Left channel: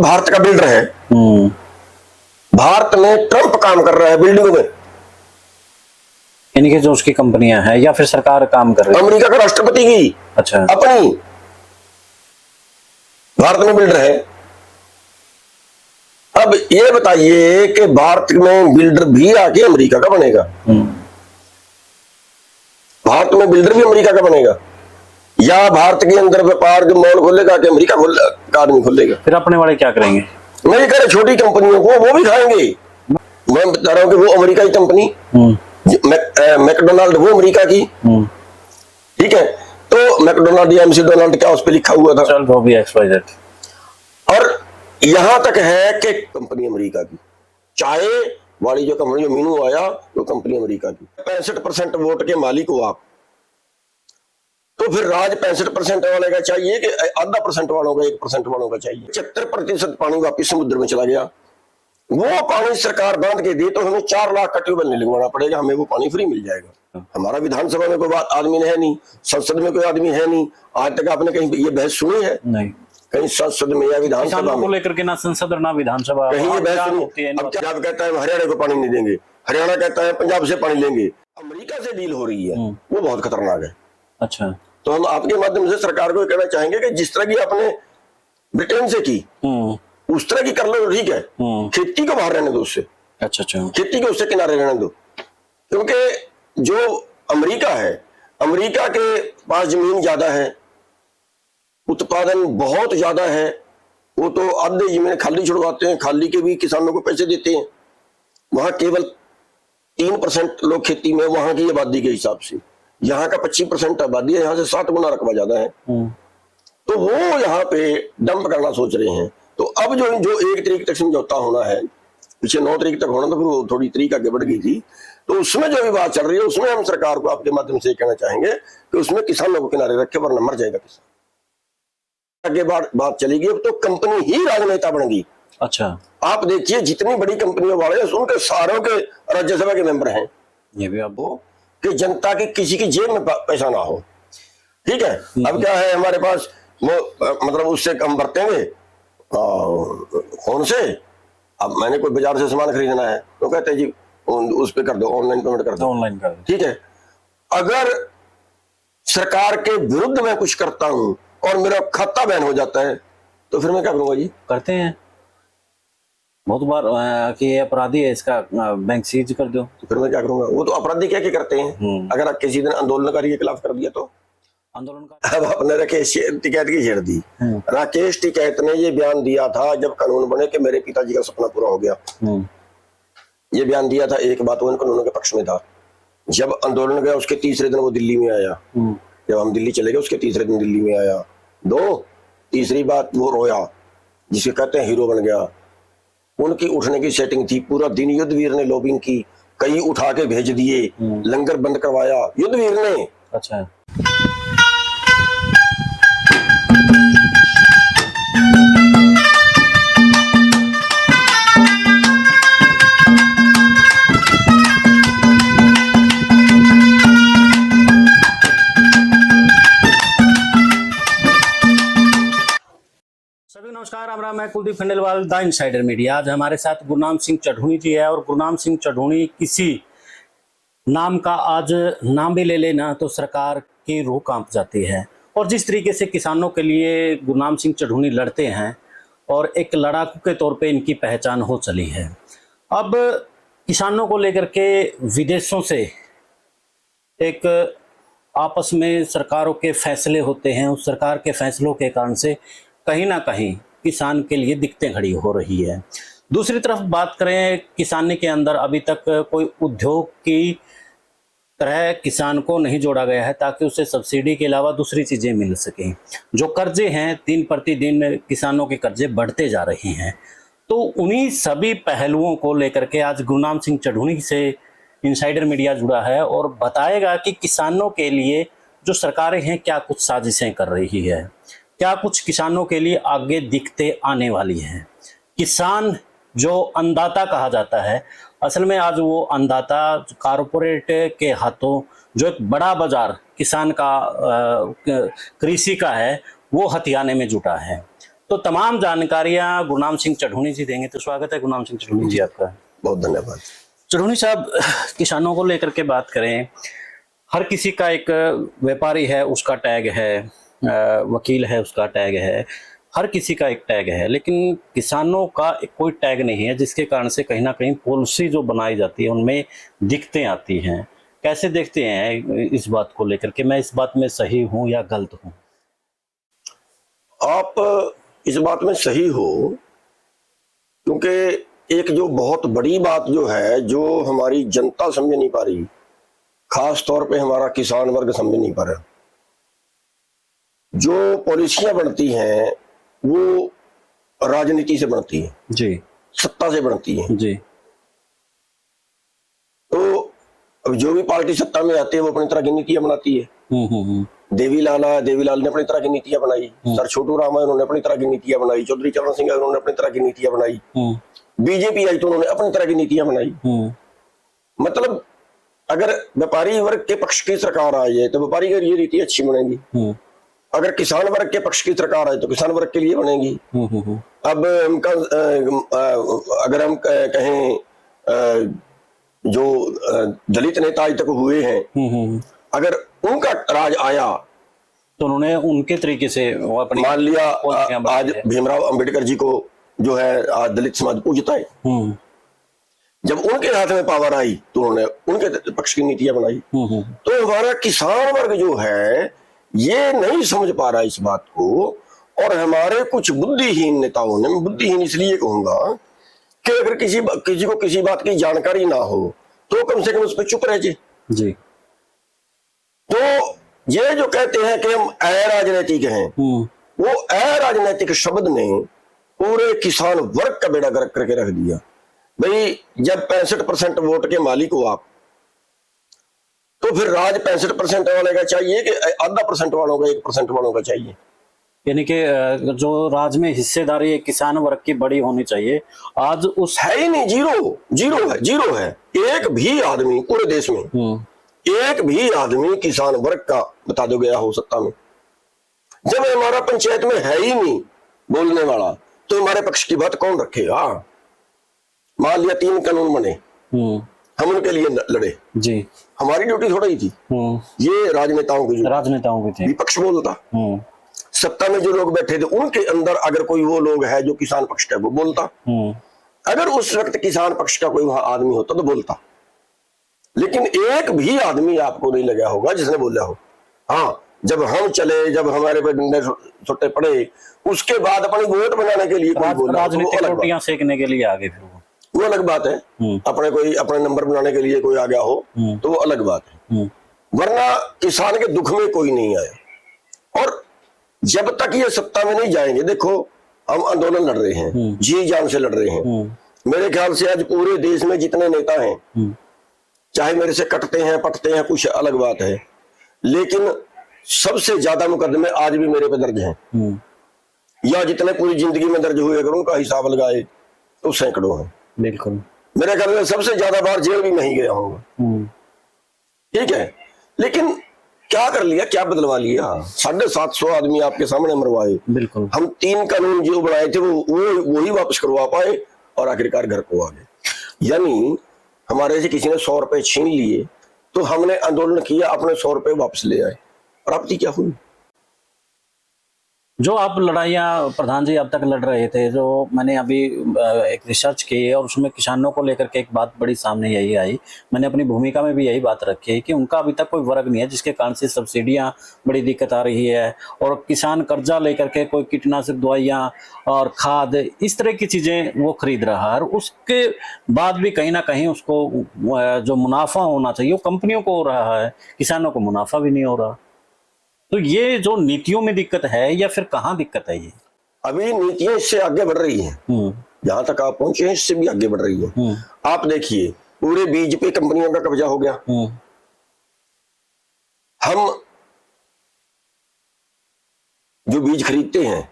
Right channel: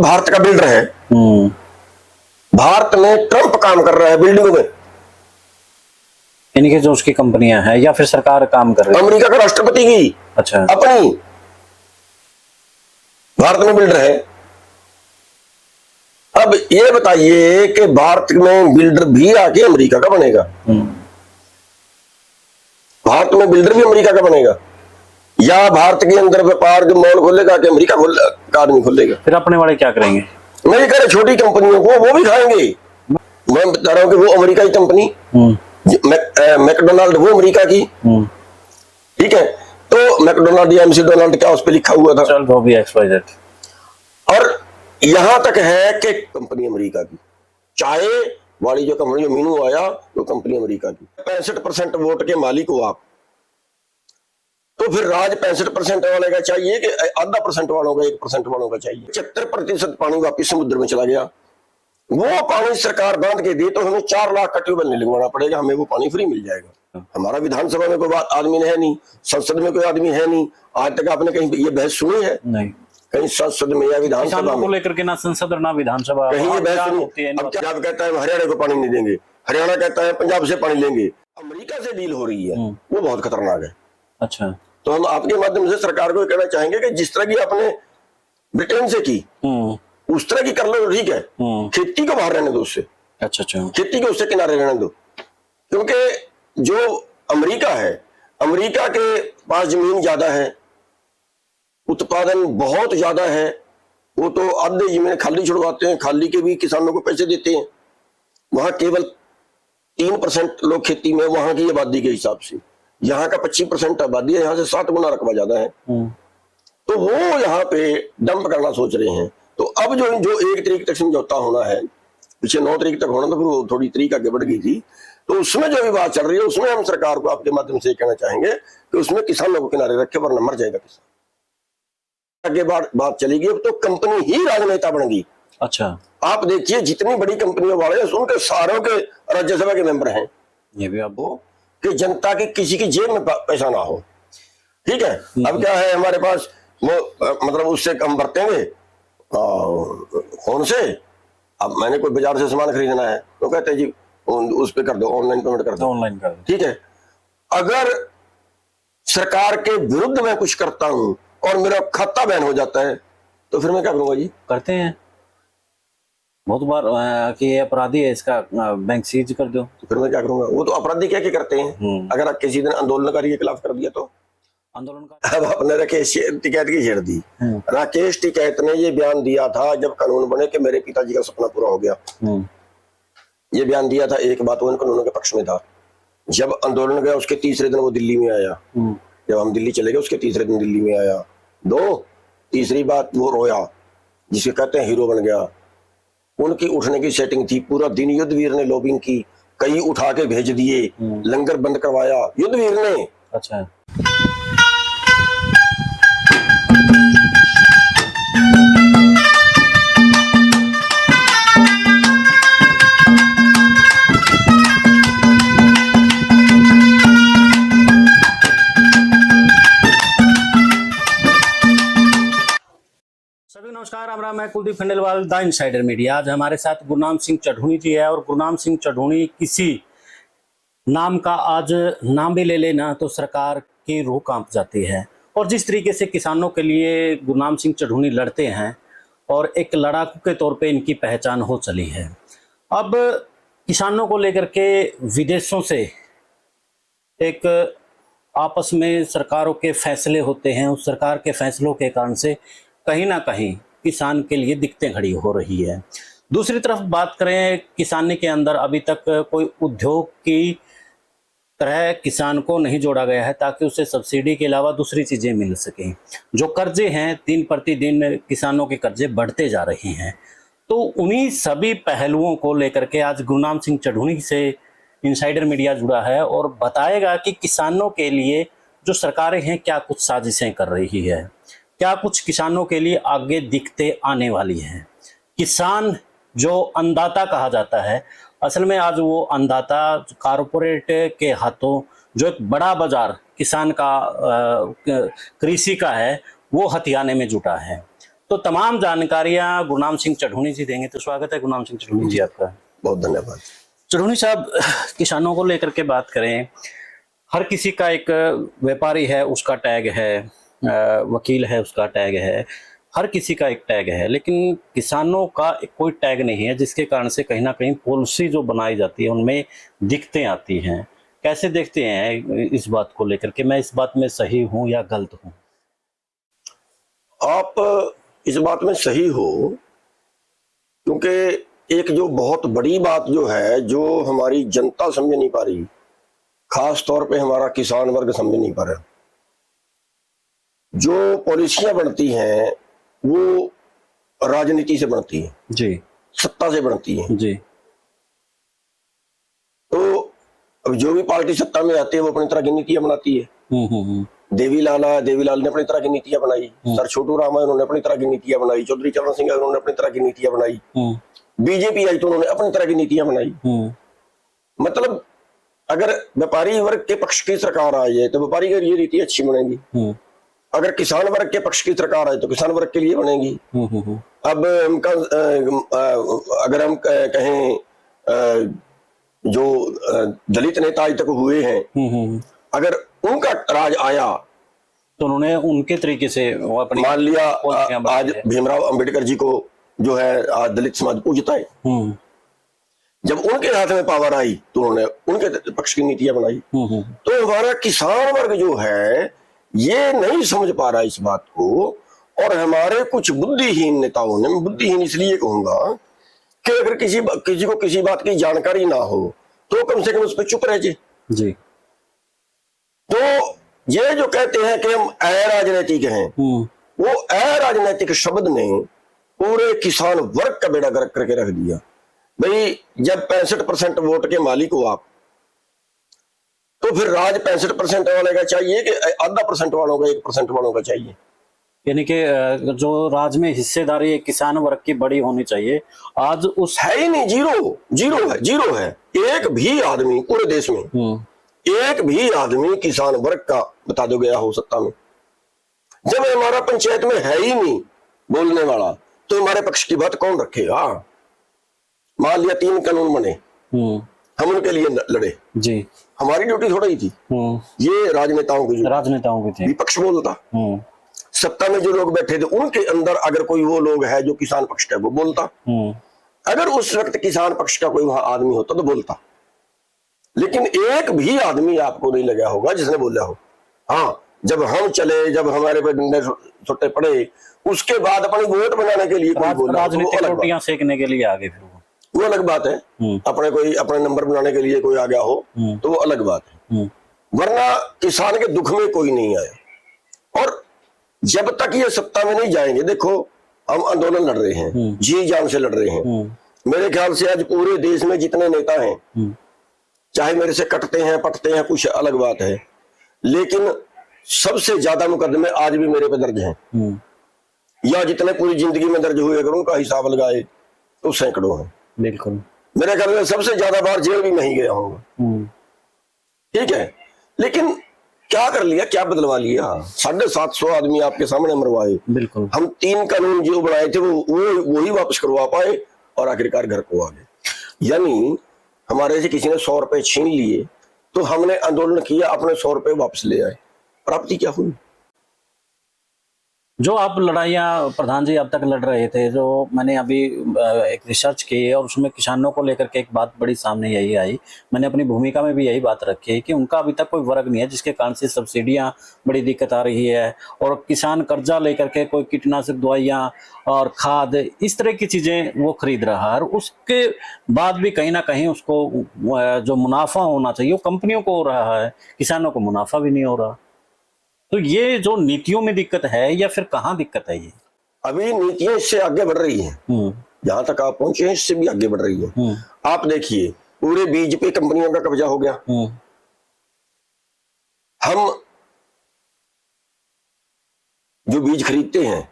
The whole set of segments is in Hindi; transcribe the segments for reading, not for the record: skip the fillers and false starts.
भारत का बिल्डर है। भारत में ट्रंप काम कर रहा है बिल्डिंग में, यानी कि जो उसकी कंपनियां हैं या फिर सरकार काम कर रही है। अमेरिका का राष्ट्रपति भी अच्छा, अपनी भारत में बिल्डर है। अब ये बताइए कि भारत में बिल्डर भी आगे अमेरिका का बनेगा? भारत में बिल्डर भी अमेरिका का बनेगा, या भारत के अंदर व्यापार जो मॉल खोलेगा कि अमेरिका का आदमी खोलेगा? फिर अपने वाले क्या करेंगे? मैं कह रहा छोटी कंपनियों को वो भी खाएंगे। मैं बता रहा हूं कि वो अमेरिका की कंपनी, मैकडोनाल्ड वो अमेरिका की, तो मैकडोनाल्ड या एमसी डोनाल्ड क्या उस पर लिखा हुआ था? चल वो भी XYZ। और यहां तक है कि कंपनी अमेरिका की, चाहे वाली जो कंपनी जो मीनू आया तो कंपनी अमेरिका की। 65% वोट के मालिक हो आप, तो फिर राज 65% वाले का चाहिए कि आधा परसेंट वालों का, 1% वालों का चाहिए? 75% पानी वापिस समुद्र में चला गया। वो पानी सरकार बांध के दे तो हमें 4 लाख का ट्यूबवेल नहीं लगवाना पड़ेगा, हमें वो पानी फ्री मिल जाएगा। हमारा विधानसभा में कोई आदमी है नहीं, संसद में कोई आदमी है नहीं, आज तक आपने कहीं ये बहस सुनी है? नहीं, कहीं संसद में या विधानसभा को लेकर के ना संसद और ना विधानसभा कहीं ये बहस सुनी? अब पंजाब कहता है हरियाणा को पानी नहीं देंगे, हरियाणा कहता है पंजाब से पानी लेंगे। अमेरिका से डील हो रही है, वो बहुत खतरनाक है। अच्छा, तो हम आपके माध्यम से सरकार को कहना चाहेंगे कि जिस तरह की आपने ब्रिटेन से की उस तरह की कर लो, ठीक है। खेती को बाहर रहने दो उससे, अच्छा, खेती के उससे किनारे रहने दो, क्योंकि जो अमेरिका है, अमेरिका के पास जमीन ज्यादा है, उत्पादन बहुत ज्यादा है। वो तो आधे जमीन खाली छुड़वाते हैं, खाली के भी किसानों को पैसे देते हैं। वहां केवल 3% लोग खेती में, वहां की आबादी के हिसाब से। यहाँ का 25% आबादी है, यहाँ से 7 गुना रकबा ज्यादा है। तो वो यहाँ पे डंप करना सोच रहे हैं। तो अब जो 1 तारीख तक समझौता होना है, पिछले 9 तारीख तक होना था, वो थोड़ी तारीख आगे बढ़ गई थी। तो उसमें जो भी बात चल रही है, उसमें हम सरकार को आपके माध्यम से कहना चाहेंगे कि उसमें किसानों को किनारे रखे, वरना मर जाएगा किसान। आगे बात चलेगी, अब तो कंपनी ही राजनेता बन गई। अच्छा, आप देखिए जितनी बड़ी कंपनियों वाले उनके सारों के राज्यसभा के मेंबर हैं। ये भी अब कि जनता की किसी की जेब में पैसा ना हो, ठीक है। अब क्या है, हमारे पास मतलब उससे काम करते हैं फोन से। अब मैंने कोई बाजार से सामान खरीदना है तो कहते हैं जी उस पे कर दो, ऑनलाइन पेमेंट कर दो, ऑनलाइन कर दो, ठीक है। अगर सरकार के विरुद्ध मैं कुछ करता हूं और मेरा खाता बैन हो जाता है तो फिर मैं क्या करूंगा? जी करते हैं बहुत बार कि ये अपराधी है, इसका बैंक सीज कर दो, तो फिर मैं क्या करूंगा? वो तो अपराधी क्या क्या करते हैं। अगर आप किसी दिन आंदोलनकारी के खिलाफ कर दिया तो अब आपने राकेश टिकैत की छेड़ दी। राकेश टिकैत ने ये बयान दिया था जब कानून बने कि मेरे पिताजी का सपना पूरा हो गया। ये बयान दिया था, एक बात वो कानून के पक्ष में था। जब आंदोलन गया उसके तीसरे दिन वो दिल्ली में आया, जब हम दिल्ली चले गए उसके तीसरे दिन दिल्ली में आया। तीसरी बात वो रोया, जिसे कहते हैं हीरो बन गया। उनकी उठने की सेटिंग थी, पूरा दिन युद्धवीर ने लॉबिंग की, कई उठा के भेज दिए, लंगर बंद करवाया युद्धवीर ने। अच्छा, सभी नमस्कार, राम राम। मैं Kuldeep Khandelwal, the insider media. आज हमारे साथ गुरनाम सिंह चढ़ूनी जी है, और गुरनाम सिंह चढ़ूनी किसी नाम का आज नाम भी ले लेना तो सरकार की रूह कांप जाती है। और जिस तरीके से किसानों के लिए गुरनाम सिंह चढ़ूनी लड़ते हैं और एक लड़ाकू के तौर पे इनकी पहचान हो चली है। अब किसानों को लेकर के विदेशों से एक आपस में सरकारों के फैसले होते हैं, उस सरकार के फैसलों के कारण से कहीं ना कहीं किसान के लिए दिक्कतें खड़ी हो रही है। दूसरी तरफ बात करें, किसानी के अंदर अभी तक कोई उद्योग की तरह किसान को नहीं जोड़ा गया है ताकि उसे सब्सिडी के अलावा दूसरी चीजें मिल सके। जो कर्जे हैं, दिन प्रतिदिन किसानों के कर्जे बढ़ते जा रहे हैं। तो उन्हीं सभी पहलुओं को लेकर के आज गुरनाम सिंह चढ़ूनी से इनसाइडर मीडिया जुड़ा है और बताएगा कि किसानों के लिए जो सरकारें हैं क्या कुछ साजिशें कर रही है, क्या कुछ किसानों के लिए आगे दिखते आने वाली हैं। किसान जो अन्नदाता कहा जाता है, असल में आज वो अन्नदाता कारपोरेट के हाथों जो एक बड़ा बाजार किसान का कृषि का है वो हथियाने में जुटा है। तो तमाम जानकारियां गुरनाम सिंह चढ़ूनी जी देंगे। तो स्वागत है गुरनाम सिंह चढ़ूनी जी आपका। बहुत धन्यवाद। चढ़ूनी साहब, किसानों को लेकर के बात करें, हर किसी का एक व्यापारी है उसका टैग है, वकील है उसका टैग है, हर किसी का एक टैग है, लेकिन किसानों का कोई टैग नहीं है, जिसके कारण से कहीं ना कहीं पॉलिसी जो बनाई जाती है उनमें दिक्कतें आती हैं। कैसे देखते हैं इस बात को लेकर के, मैं इस बात में सही हूं या गलत हूं? आप इस बात में सही हो, क्योंकि एक जो बहुत बड़ी बात जो है, जो हमारी जनता समझ नहीं पा रही, खास तौर पे हमारा किसान वर्ग समझ नहीं पा रहा। जो पॉलिसियां बनती हैं वो राजनीति से बनती है जी, सत्ता से बनती है जी। तो अब जो भी पार्टी सत्ता में आती है वो अपनी तरह की नीतियां बनाती है। देवीलाल आया, देवीलाल ने अपनी तरह की नीतियां बनाई, सर छोटू राम आए, उन्होंने अपनी तरह की नीतियां बनाई, चौधरी चरण सिंह आए, उन्होंने अपनी तरह की नीतियां बनाई, बीजेपी आई तो उन्होंने अपनी तरह की नीतियां बनाई। मतलब अगर व्यापारी वर्ग के पक्ष की सरकार आ जाए तो व्यापारी के लिए नीति अच्छी बनेगी, अगर किसान वर्ग के पक्ष की सरकार आए तो किसान वर्ग के लिए बनेगी। अब हमका अगर हम कहें जो दलित नेता आज तक हुए हैं, अगर उनका राज आया तो उन्होंने उनके तरीके से वो अपनी मान लिया आज भीमराव अंबेडकर जी को जो है आज दलित समाज पूजता है, जब उनके हाथ में पावर आई तो उन्होंने उनके पक्ष की नीतियां बनाई। तो हमारा किसान वर्ग जो है ये नहीं समझ पा रहा इस बात को, और हमारे कुछ बुद्धिहीन नेताओं ने, बुद्धिहीन इसलिए कहूंगा कि अगर किसी को किसी बात की जानकारी ना हो तो कम से कम उस पर चुप रह जाए जी। तो ये जो कहते हैं कि हम अराजनैतिक हैं, वो अराजनैतिक शब्द नहीं, पूरे किसान वर्ग का बेड़ा गर्क करके रख दिया। भाई जब 65% वोट के मालिक हो आप, तो फिर राज 65% वाले का चाहिए कि 2% वालों का, 1% वालों का चाहिए? यानी कि जो राज में हिस्सेदारी है किसान वर्ग की बड़ी होनी चाहिए, आज उस है ही नहीं, जीरो है। एक भी आदमी पूरे देश में, एक भी आदमी किसान वर्ग का बता दो गया हो सत्ता में। जब हमारा पंचायत में है ही नहीं बोलने वाला, तो हमारे पक्ष की बात कौन रखेगा? मान लिया 3 कानून बने, हम उनके लिए लड़े जी, हमारी ड्यूटी थोड़ा ही थी, ये राजनेताओं की थी। विपक्ष बोलता, सत्ता में जो लोग बैठे थे उनके अंदर अगर कोई वो लोग है जो किसान पक्ष के, वो बोलता। अगर उस वक्त किसान पक्ष का कोई वहां आदमी होता तो बोलता, लेकिन एक भी आदमी आपको नहीं लगा होगा जिसने बोला हो। हाँ, जब हम चले, जब हमारे पे डंडे सट्टे पड़े, उसके बाद अपने वोट बनाने के लिए कोई बोला, राजनीतिक रोटियां सेकने के लिए आगे, फिर वो अलग बात है। अपने नंबर बनाने के लिए कोई आ गया हो तो वो अलग बात है, वरना किसान के दुख में कोई नहीं आया। और जब तक ये सत्ता में नहीं जाएंगे, देखो हम आंदोलन लड़ रहे हैं, जी जान से लड़ रहे हैं। मेरे ख्याल से आज पूरे देश में जितने नेता हैं, चाहे मेरे से कटते हैं पटते हैं, कुछ अलग बात है, लेकिन सबसे ज्यादा मुकदमे आज भी मेरे पे दर्ज हैं, या जितने पूरी जिंदगी में दर्ज हुए, अगर उनका हिसाब लगाए तो सैकड़ों है। बिल्कुल, मेरे घर में सबसे ज्यादा बार जेल भी नहीं गया हूँ, ठीक है, लेकिन क्या कर लिया, क्या बदलवा लिया? 750 आदमी आपके सामने मरवाए, बिल्कुल। हम 3 कानून जो बनाए थे वो ही वापस करवा पाए और आखिरकार घर को आ गए। यानी हमारे से किसी ने 100 रुपए छीन लिए तो हमने आंदोलन किया, अपने 100 रुपए वापस ले आए, और अब क्या हुई? जो आप लड़ाइयाँ प्रधान जी अब तक लड़ रहे थे, जो मैंने अभी एक रिसर्च की है और उसमें किसानों को लेकर के एक बात बड़ी सामने यही आई, मैंने अपनी भूमिका में भी यही बात रखी है कि उनका अभी तक कोई वर्ग नहीं है जिसके कारण से सब्सिडियाँ बड़ी दिक्कत आ रही है, और किसान कर्जा लेकर के कोई कीटनाशक दवाइयाँ और खाद इस तरह की चीज़ें वो खरीद रहा है, और उसके बाद भी कहीं ना कहीं उसको जो मुनाफा होना चाहिए वो कंपनियों को हो रहा है, किसानों को मुनाफा भी नहीं हो रहा। तो ये जो नीतियों में दिक्कत है या फिर कहाँ दिक्कत है? ये अभी नीतियां इससे आगे बढ़ रही है, जहां तक आप पहुंचे इससे भी आगे बढ़ रही है। आप देखिए पूरे बीज पे कंपनियों का कब्जा हो गया। हम जो बीज खरीदते हैं,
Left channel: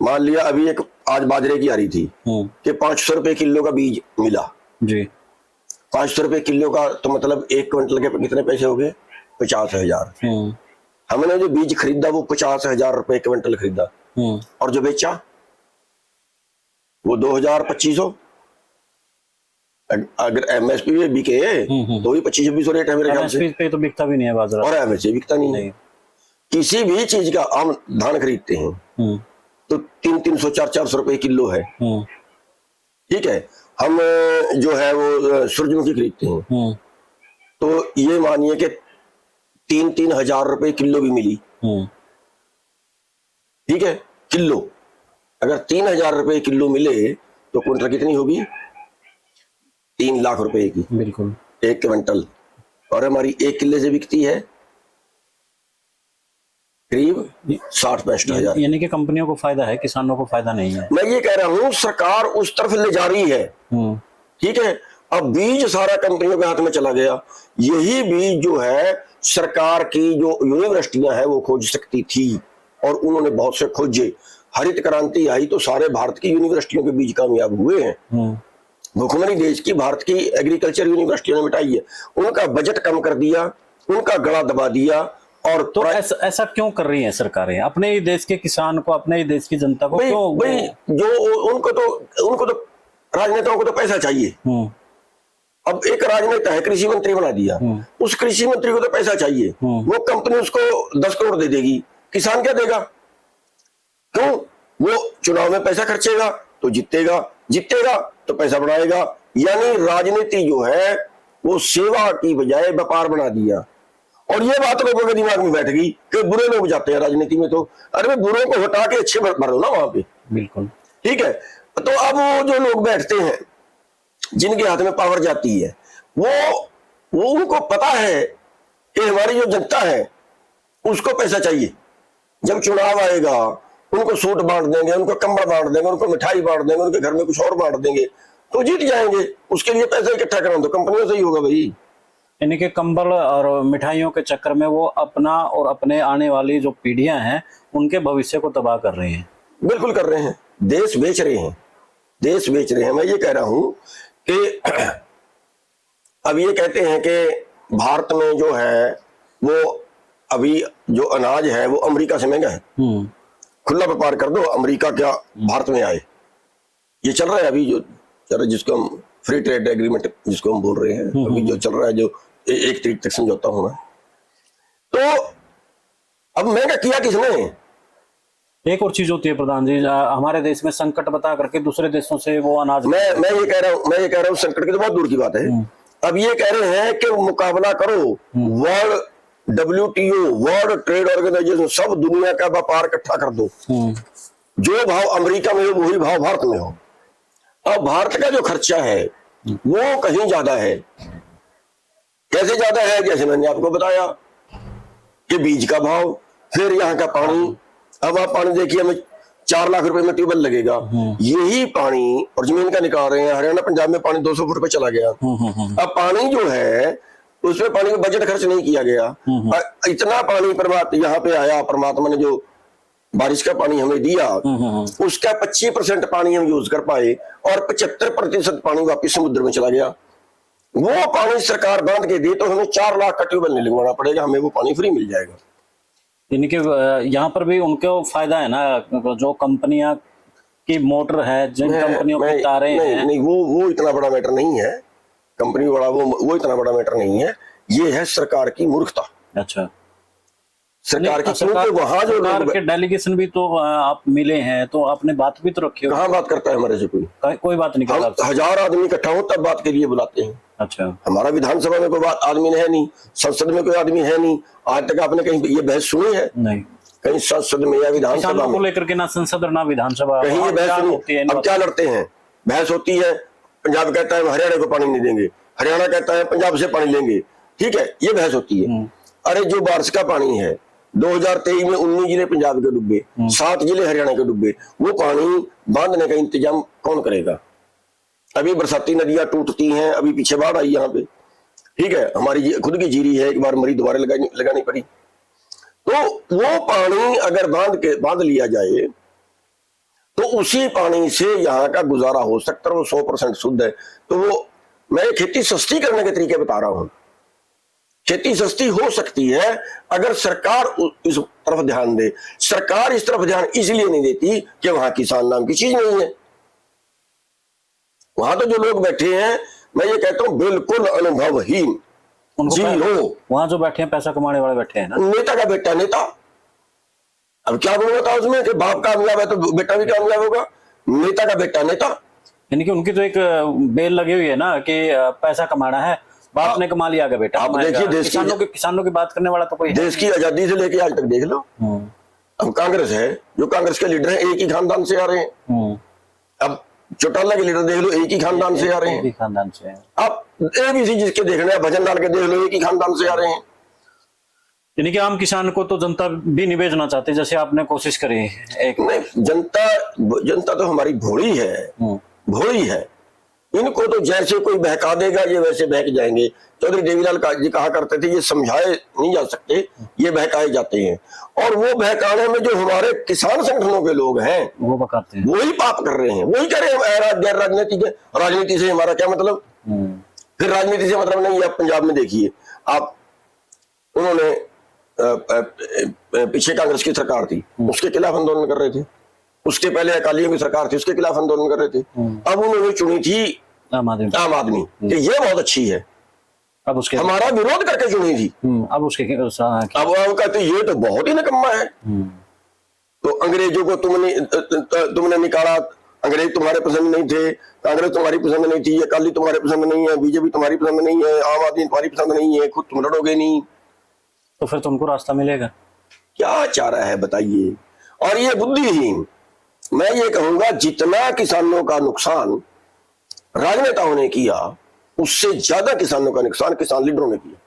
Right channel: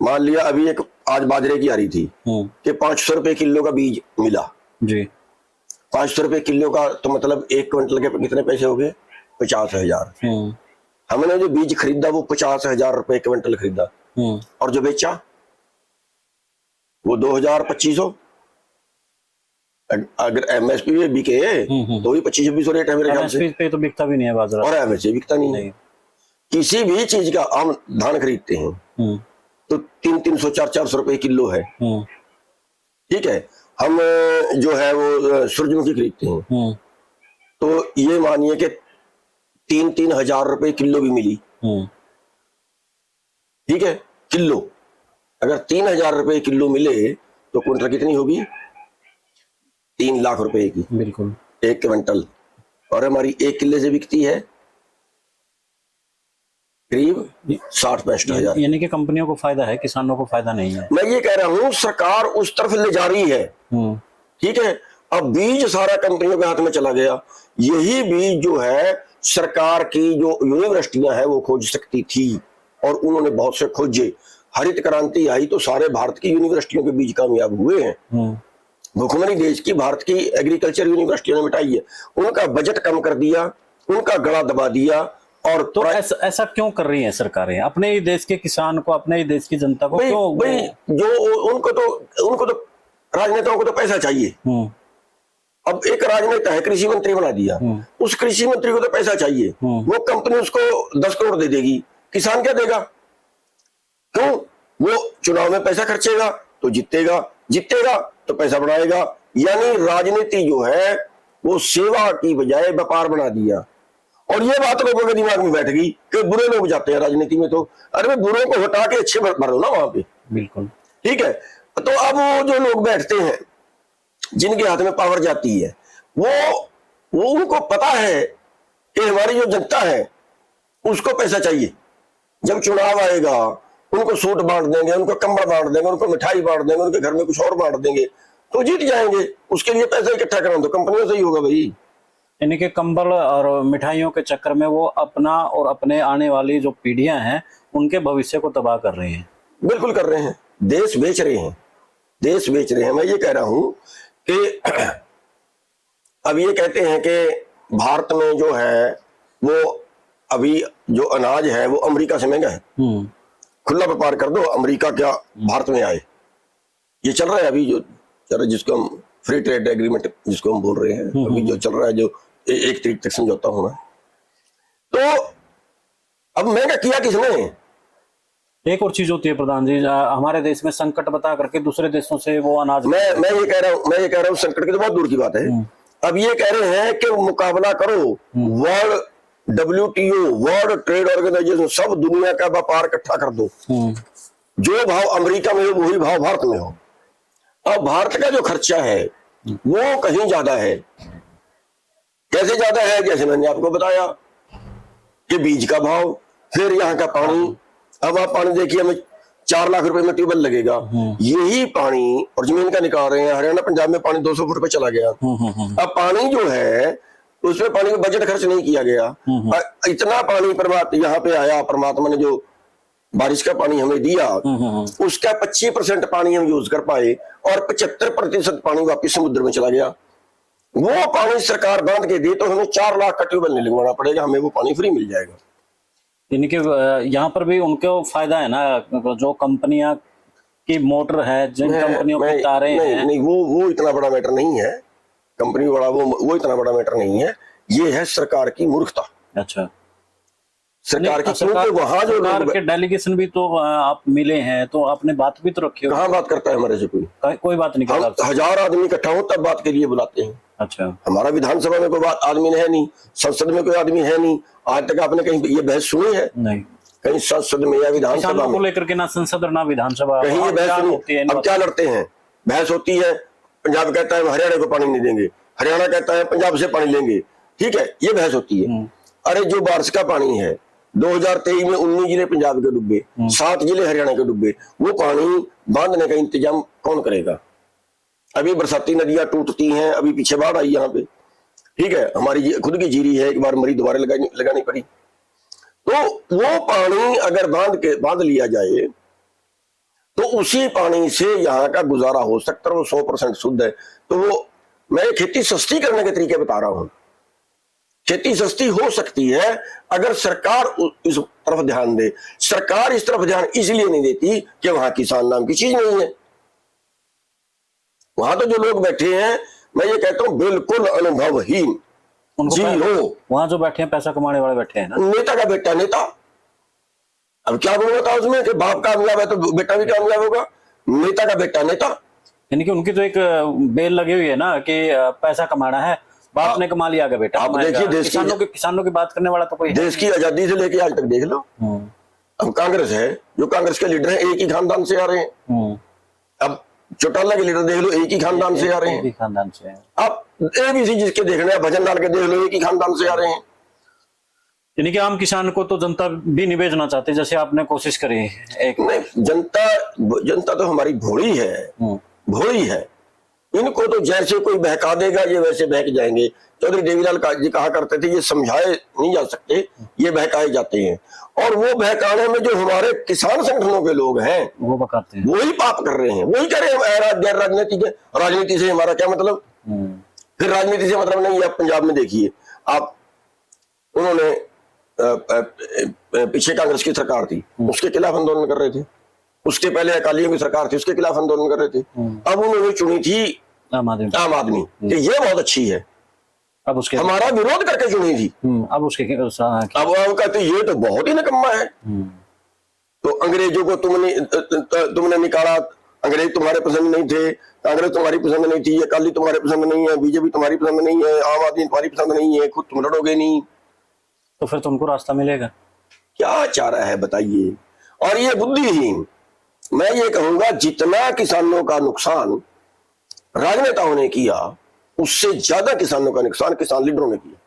मान लिया अभी एक आज बाजरे की आ रही थी कि 500 रुपए किलो का बीज मिला जी, 500 रुपए किलो का, तो मतलब 1 क्विंटल के कितने पैसे हो गए? 50,000। हमने जो बीज खरीदा वो 50,000 रुपए क्विंटल खरीदा, और जो बेचा वो 2000-2500। अगर एमएसपी में बिके तो भी 25-2600 रेट है मेरे ख्याल से, एमएसपी पे तो बिकता भी नहीं है बाजार। और एमएसपी बिकता नहीं है। किसी भी चीज का हम धान खरीदते हैं तो 300-300, 400-400 रुपए किलो है, ठीक है। हम जो है वो सूरजमुखी खरीदते हैं तो ये मानिए कि 3-3 हजार रुपए किलो भी मिली, ठीक है, किलो। अगर 3,000 रुपए किलो मिले तो क्विंटल कितनी होगी? 3 लाख रुपए की, बिल्कुल, 1 क्विंटल। और हमारी 1 किले से बिकती है करीब 60-65 हजार। यानी कि कंपनियों को फायदा है, किसानों को फायदा नहीं है। मैं ये कह रहा हूँ सरकार उस तरफ ले जा रही है, ठीक है। अब बीज सारा कंपनियों के हाथ में चला गया। यही बीज जो है सरकार की जो यूनिवर्सिटियां हैं वो खोज सकती थी, और उन्होंने बहुत से खोजे। हरित क्रांति आई तो सारे भारत की यूनिवर्सिटियों के बीज कामयाब हुए हैं। भुखमरी देश की भारत की एग्रीकल्चर यूनिवर्सिटियों ने मिटाई है, उनका बजट कम कर दिया, उनका गला दबा दिया। और तो ऐसा क्यों कर रही है सरकारें? अपने ही देश के किसान को, अपने ही देश की जनता को भाई जो उनको तो राजनेताओं को तो पैसा चाहिए। अब एक राजनेता है, कृषि मंत्री बना दिया, उस कृषि मंत्री को तो पैसा चाहिए। वो कंपनी उसको 10 करोड़ दे देगी, किसान क्या देगा? तो वो चुनाव में पैसा खर्चेगा तो जीतेगा, जीतेगा तो पैसा बढ़ाएगा। यानी राजनीति जो है वो सेवा की बजाय व्यापार बना दिया। और ये बात लोगों के दिमाग में बैठ गई कि बुरे लोग जाते हैं राजनीति में, तो अरे बुरे को हटा के अच्छे बने ना यहाँ पे, बिल्कुल, ठीक है। तो अब वो जो लोग बैठते हैं जिनके हाथ में पावर जाती है, वो उनको पता है कि हमारी जो जनता है उसको पैसा चाहिए। जब चुनाव आएगा उनको सूट बांट देंगे, उनको कंबल बांट देंगे, उनको मिठाई बांट देंगे, उनके घर में कुछ और बांट देंगे तो जीत जाएंगे। उसके लिए पैसा इकट्ठा करो तो कंपनियों से ही होगा भाई। यानी कि कंबल और मिठाइयों के चक्कर में वो अपना और अपने आने वाली जो पीढ़ियां हैं उनके भविष्य को तबाह कर रहे हैं। बिल्कुल कर रहे हैं, देश बेच रहे हैं, देश बेच रहे हैं। मैं ये कह रहा हूं कि अब ये कहते हैं कि भारत में जो है वो अभी जो अनाज है वो अमेरिका से महंगा है, खुला व्यापार कर दो, अमेरिका क्या भारत में आए। ये चल रहा है अभी जो चल रहा, जिसको हम फ्री ट्रेड एग्रीमेंट जिसको हम बोल रहे हैं, अभी जो चल रहा है, जो 1 तारीख तक समझौता होना। तो अब महंगा किया किसने? एक और चीज होती है प्रधान जी, हमारे देश में संकट बता करके दूसरे देशों से वो अनाज, मैं ये कह रहा हूँ संकट की तो बहुत दूर की बात है। अब ये कह रहे हैं कि मुकाबला करो, world WTO world trade organisation, सब दुनिया का व्यापार इकट्ठा कर दो, जो भाव अमेरिका में हो वही भाव भारत में हो। और भारत का जो खर्चा है वो कहीं ज्यादा है। कैसे ज्यादा है? जैसे मैंने आपको बताया कि बीज का भाव, फिर यहाँ का पानी। अब आप पानी देखिए, हमें 4 लाख रुपए में ट्यूबवेल लगेगा, यही पानी और जमीन का निकाल रहे हैं। हरियाणा पंजाब में पानी 200 फुट पे चला गया। अब पानी जो है उसमें पानी में बजट खर्च नहीं किया गया। इतना पानी यहाँ पे आया, परमात्मा ने जो बारिश का पानी हमें दिया उसका 25% पानी हम यूज कर पाए और 75% पानी वापिस समुद्र में चला गया। वो पानी सरकार बांध के दी तो हमें 4 लाख का ट्यूबवेल नहीं लगवाना पड़ेगा, हमें वो पानी फ्री मिल जाएगा। यानी कि यहाँ पर भी उनको फायदा है ना, जो कंपनियां की मोटर है, जिन कंपनियों की तारें हैं। नहीं, वो इतना बड़ा मैटर नहीं है, कंपनी बड़ा वो इतना बड़ा मैटर नहीं है। ये है सरकार की मूर्खता। अच्छा, सरकार के डेलीगेशन भी तो आप मिले हैं, तो आपने बात भी तो रखी है। कहाँ बात करता है हमारे से कोई बात नहीं करता। 1000 आदमी इकट्ठा हो तब बात के लिए बुलाते हैं। अच्छा, हमारा विधानसभा में कोई आदमी है नहीं, संसद में कोई आदमी है नहीं। आज तक आपने कहीं ये बहस सुनी है? नहीं, कहीं संसद में या विधानसभा को लेकर के ना संसद और ना विधानसभा कहीं ये बहस सुनी। अब क्या लड़ते हैं? बहस होती है, पंजाब कहता है हरियाणा को पानी नहीं देंगे, हरियाणा कहता है पंजाब से पानी लेंगे, ठीक है, ये बहस होती है। अरे जो बारिश का पानी है 2023 में 19 जिले पंजाब के डूबे, 7 जिले हरियाणा के डूबे, वो पानी बांधने का इंतजाम कौन करेगा? अभी बरसाती नदियां टूटती हैं, अभी पीछे बाढ़ आई यहाँ पे, ठीक है, हमारी खुद की जीरी है, एक बार मरी दोबारा लगानी पड़ी। तो वो पानी अगर बांध लिया जाए तो उसी पानी से यहाँ का गुजारा हो सकता है, वो 100% शुद्ध है। तो वो मैं खेती सस्ती करने के तरीके बता रहा हूँ। खेती सस्ती हो सकती है अगर सरकार तरफ ध्यान दे। सरकार इस तरफ ध्यान इसलिए नहीं देती कि वहां किसान नाम की चीज नहीं है। वहां तो जो लोग बैठे हैं, मैं ये कहता हूं बिल्कुल अनुभवहीन, उनको जीरो। वहां जो बैठे हैं पैसा कमाने वाले बैठे हैं ना, नेता का बेटा नेता। अब क्या बोल होता है उसमें कि बाप कामयाब है तो बेटा भी कामयाब होगा, नेता का बेटा नेता। यानी कि उनकी तो एक बेल लगी हुई है ना कि पैसा कमाना है, बाप ने कमा लिया आगे बेटा। आप देखिए देश की किसानों की बात करने वाला तो कोई देश की आजादी से लेके आज तक देख लो। अब कांग्रेस है, जो कांग्रेस के लीडर है एक ही खानदान से आ रहे हैं। अब चौटाला के लीडर देख लो एक ही खानदान से आ रहे हैं। खानदान से अब एबीसी जिसके देखना है भजन लाल के देख लो एक ही खानदान से आ रहे हैं। यानी कि आम किसान को तो जनता भी नहीं बेचना चाहती, जैसे आपने कोशिश करी एक। नहीं, जनता तो हमारी भोली है, भोली है। इनको तो जैसे कोई बहका देगा ये वैसे बहक जाएंगे। चौधरी देवीलाल जी कहा करते थे ये समझाए नहीं जा सकते, ये बहकाए जाते हैं। और वो बहकाने में जो हमारे किसान संगठनों के लोग हैं वो बहकाते हैं, वही पाप कर रहे हैं, वही कह रहे हैं गैर राजनीति से हमारा क्या मतलब। फिर राजनीति से मतलब नहीं। आप पंजाब में देखिए, आप उन्होंने पीछे कांग्रेस की सरकार थी उसके खिलाफ आंदोलन कर रहे थे, उसके पहले अकालियों की सरकार थी उसके खिलाफ आंदोलन कर रहे थे। अब उन्होंने चुनी थी आम आदमी कि ये बहुत अच्छी है, अब उसके हमारा विरोध करके चुनी थी। अब उसके अब वो कहते ये तो बहुत ही निकम्मा है। तो अंग्रेजों को तुमने निकाला, अंग्रेज तुम्हारे पसंद नहीं थे, कांग्रेस तुम्हारी पसंद नहीं थी, अकाली तुम्हारे पसंद नहीं है, बीजेपी तुम्हारी पसंद नहीं है, आम आदमी तुम्हारी पसंद नहीं है, खुद तुम लड़ोगे नहीं, तो फिर तुमको रास्ता मिलेगा। क्या चाह रहा है बताइए। और ये बुद्धिहीन, मैं ये कहूंगा जितना किसानों का नुकसान राजनेताओं ने किया उससे ज्यादा किसानों का नुकसान किसान लीडरों ने किया।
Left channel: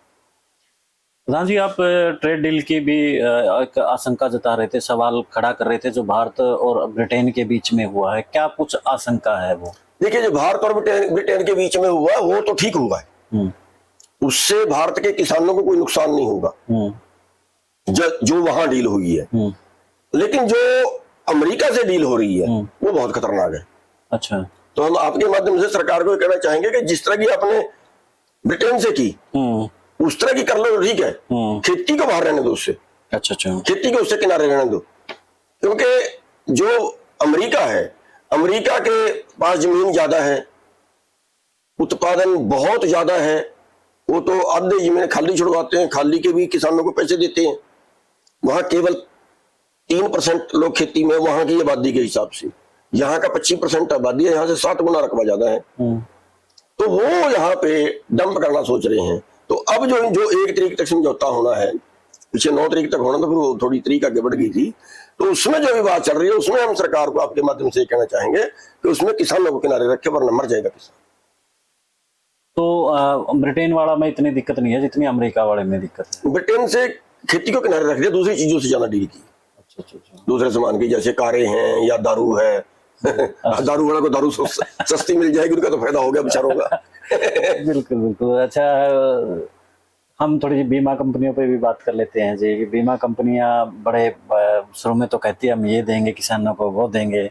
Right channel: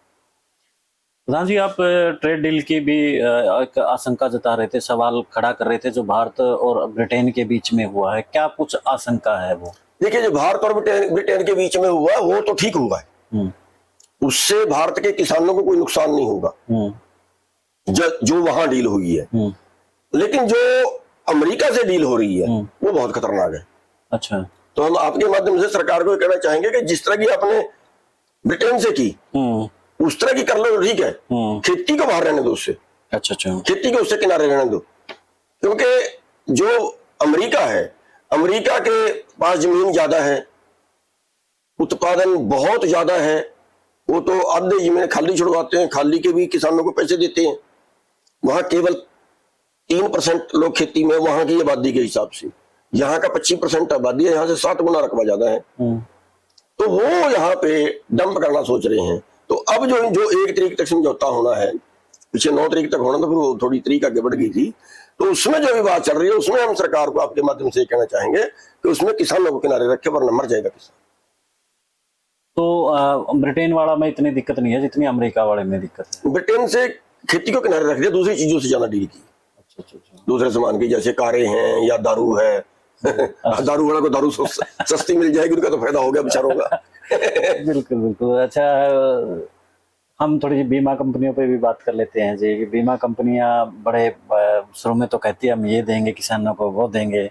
हाँ जी, आप ट्रेड डील की भी एक आशंका जता रहे थे, सवाल खड़ा कर रहे थे जो भारत और ब्रिटेन के बीच में हुआ है, क्या कुछ आशंका है वो? देखिए जो भारत और ब्रिटेन के बीच में हुआ वो तो ठीक हुआ है, उससे भारत के किसानों को कोई नुकसान नहीं होगा जो वहां डील हुई है। लेकिन जो अमेरिका से डील हो रही है वो बहुत खतरनाक है। अच्छा, तो हम आपके माध्यम से सरकार को कहना चाहेंगे कि जिस तरह की आपने ब्रिटेन से की उस तरह की कर लो, ठीक है, खेती को बाहर रहने दो उससे। अच्छा, खेती को उससे किनारे रहने दो, क्योंकि जो अमेरिका है, अमेरिका के पास जमीन ज्यादा है, उत्पादन बहुत ज्यादा है, वो तो आधे जमीन खाली छुड़वाते हैं, खाली के भी किसानों को पैसे देते हैं। वहां केवल 3% लोग खेती में, वहां की आबादी के हिसाब से यहाँ का 25% आबादी है, यहाँ से 7 गुना रकबा ज्यादा है। तो वो यहाँ पे डंप करना सोच रहे हैं। तो अब जो 1 तारीख तक समझौता होना है, पिछले 9 तारीख तक होना था, फिर थोड़ी तारीख आगे बढ़ गई थी, तो उसमें जो भी बात चल रही है उसमें हम सरकार को आपके माध्यम से कहना चाहेंगे कि उसमें किसानों को किनारे रखे वरना मर जाएगा किसान। तो ब्रिटेन वाला में इतनी दिक्कत नहीं है जितनी अमेरिका वाले में दिक्कत है। ब्रिटेन से खेती को किनारे रख दिया, दूसरी चीजों से ज्यादा डील की। दूसरे सामान की जैसे कारें हैं या दारू है दारू वाला को दारू सस्ती मिल जाएगी, उनका तो फायदा हो गया बेचारों का। बिल्कुल। अच्छा, हम थोड़ी बीमा कंपनियों पे भी बात कर लेते हैं जी। बीमा कंपनियां बड़े शुरू में तो कहती है हम ये देंगे किसानों को, वो देंगे,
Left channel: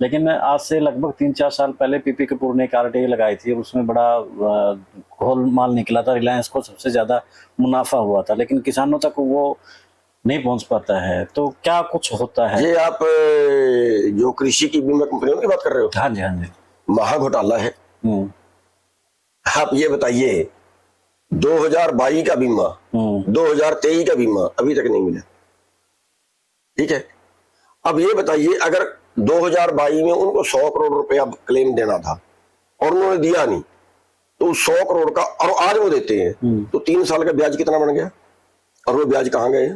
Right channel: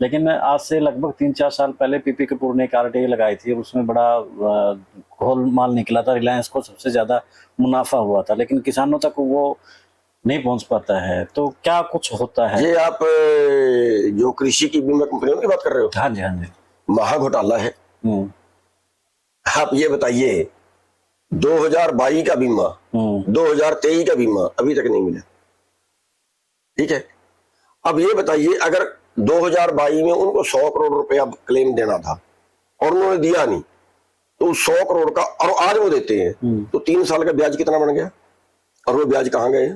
लेकिन आज से लगभग 3-4 साल पहले पीपी कपूर ने एक आरटीआई लगाई थी और उसमें बड़ा गोलमाल निकला था, रिलायंस को सबसे ज्यादा मुनाफा हुआ था, लेकिन किसानों तक वो नहीं पहुंच पाता है। तो क्या कुछ होता है? ये आप जो कृषि की बीमा कंपनियों की बात कर रहे हो? हाँ जी। महा घोटाला है। आप ये बताइए 2022 का बीमा, 2023 का बीमा अभी तक नहीं मिला, ठीक है। अब ये बताइए अगर 2022 में उनको 100 करोड़ रुपया क्लेम देना था और उन्होंने दिया नहीं, तो 100 करोड़ का और आज वो देते हैं, तो 3 साल का ब्याज कितना बढ़ गया और वो ब्याज कहाँ गए?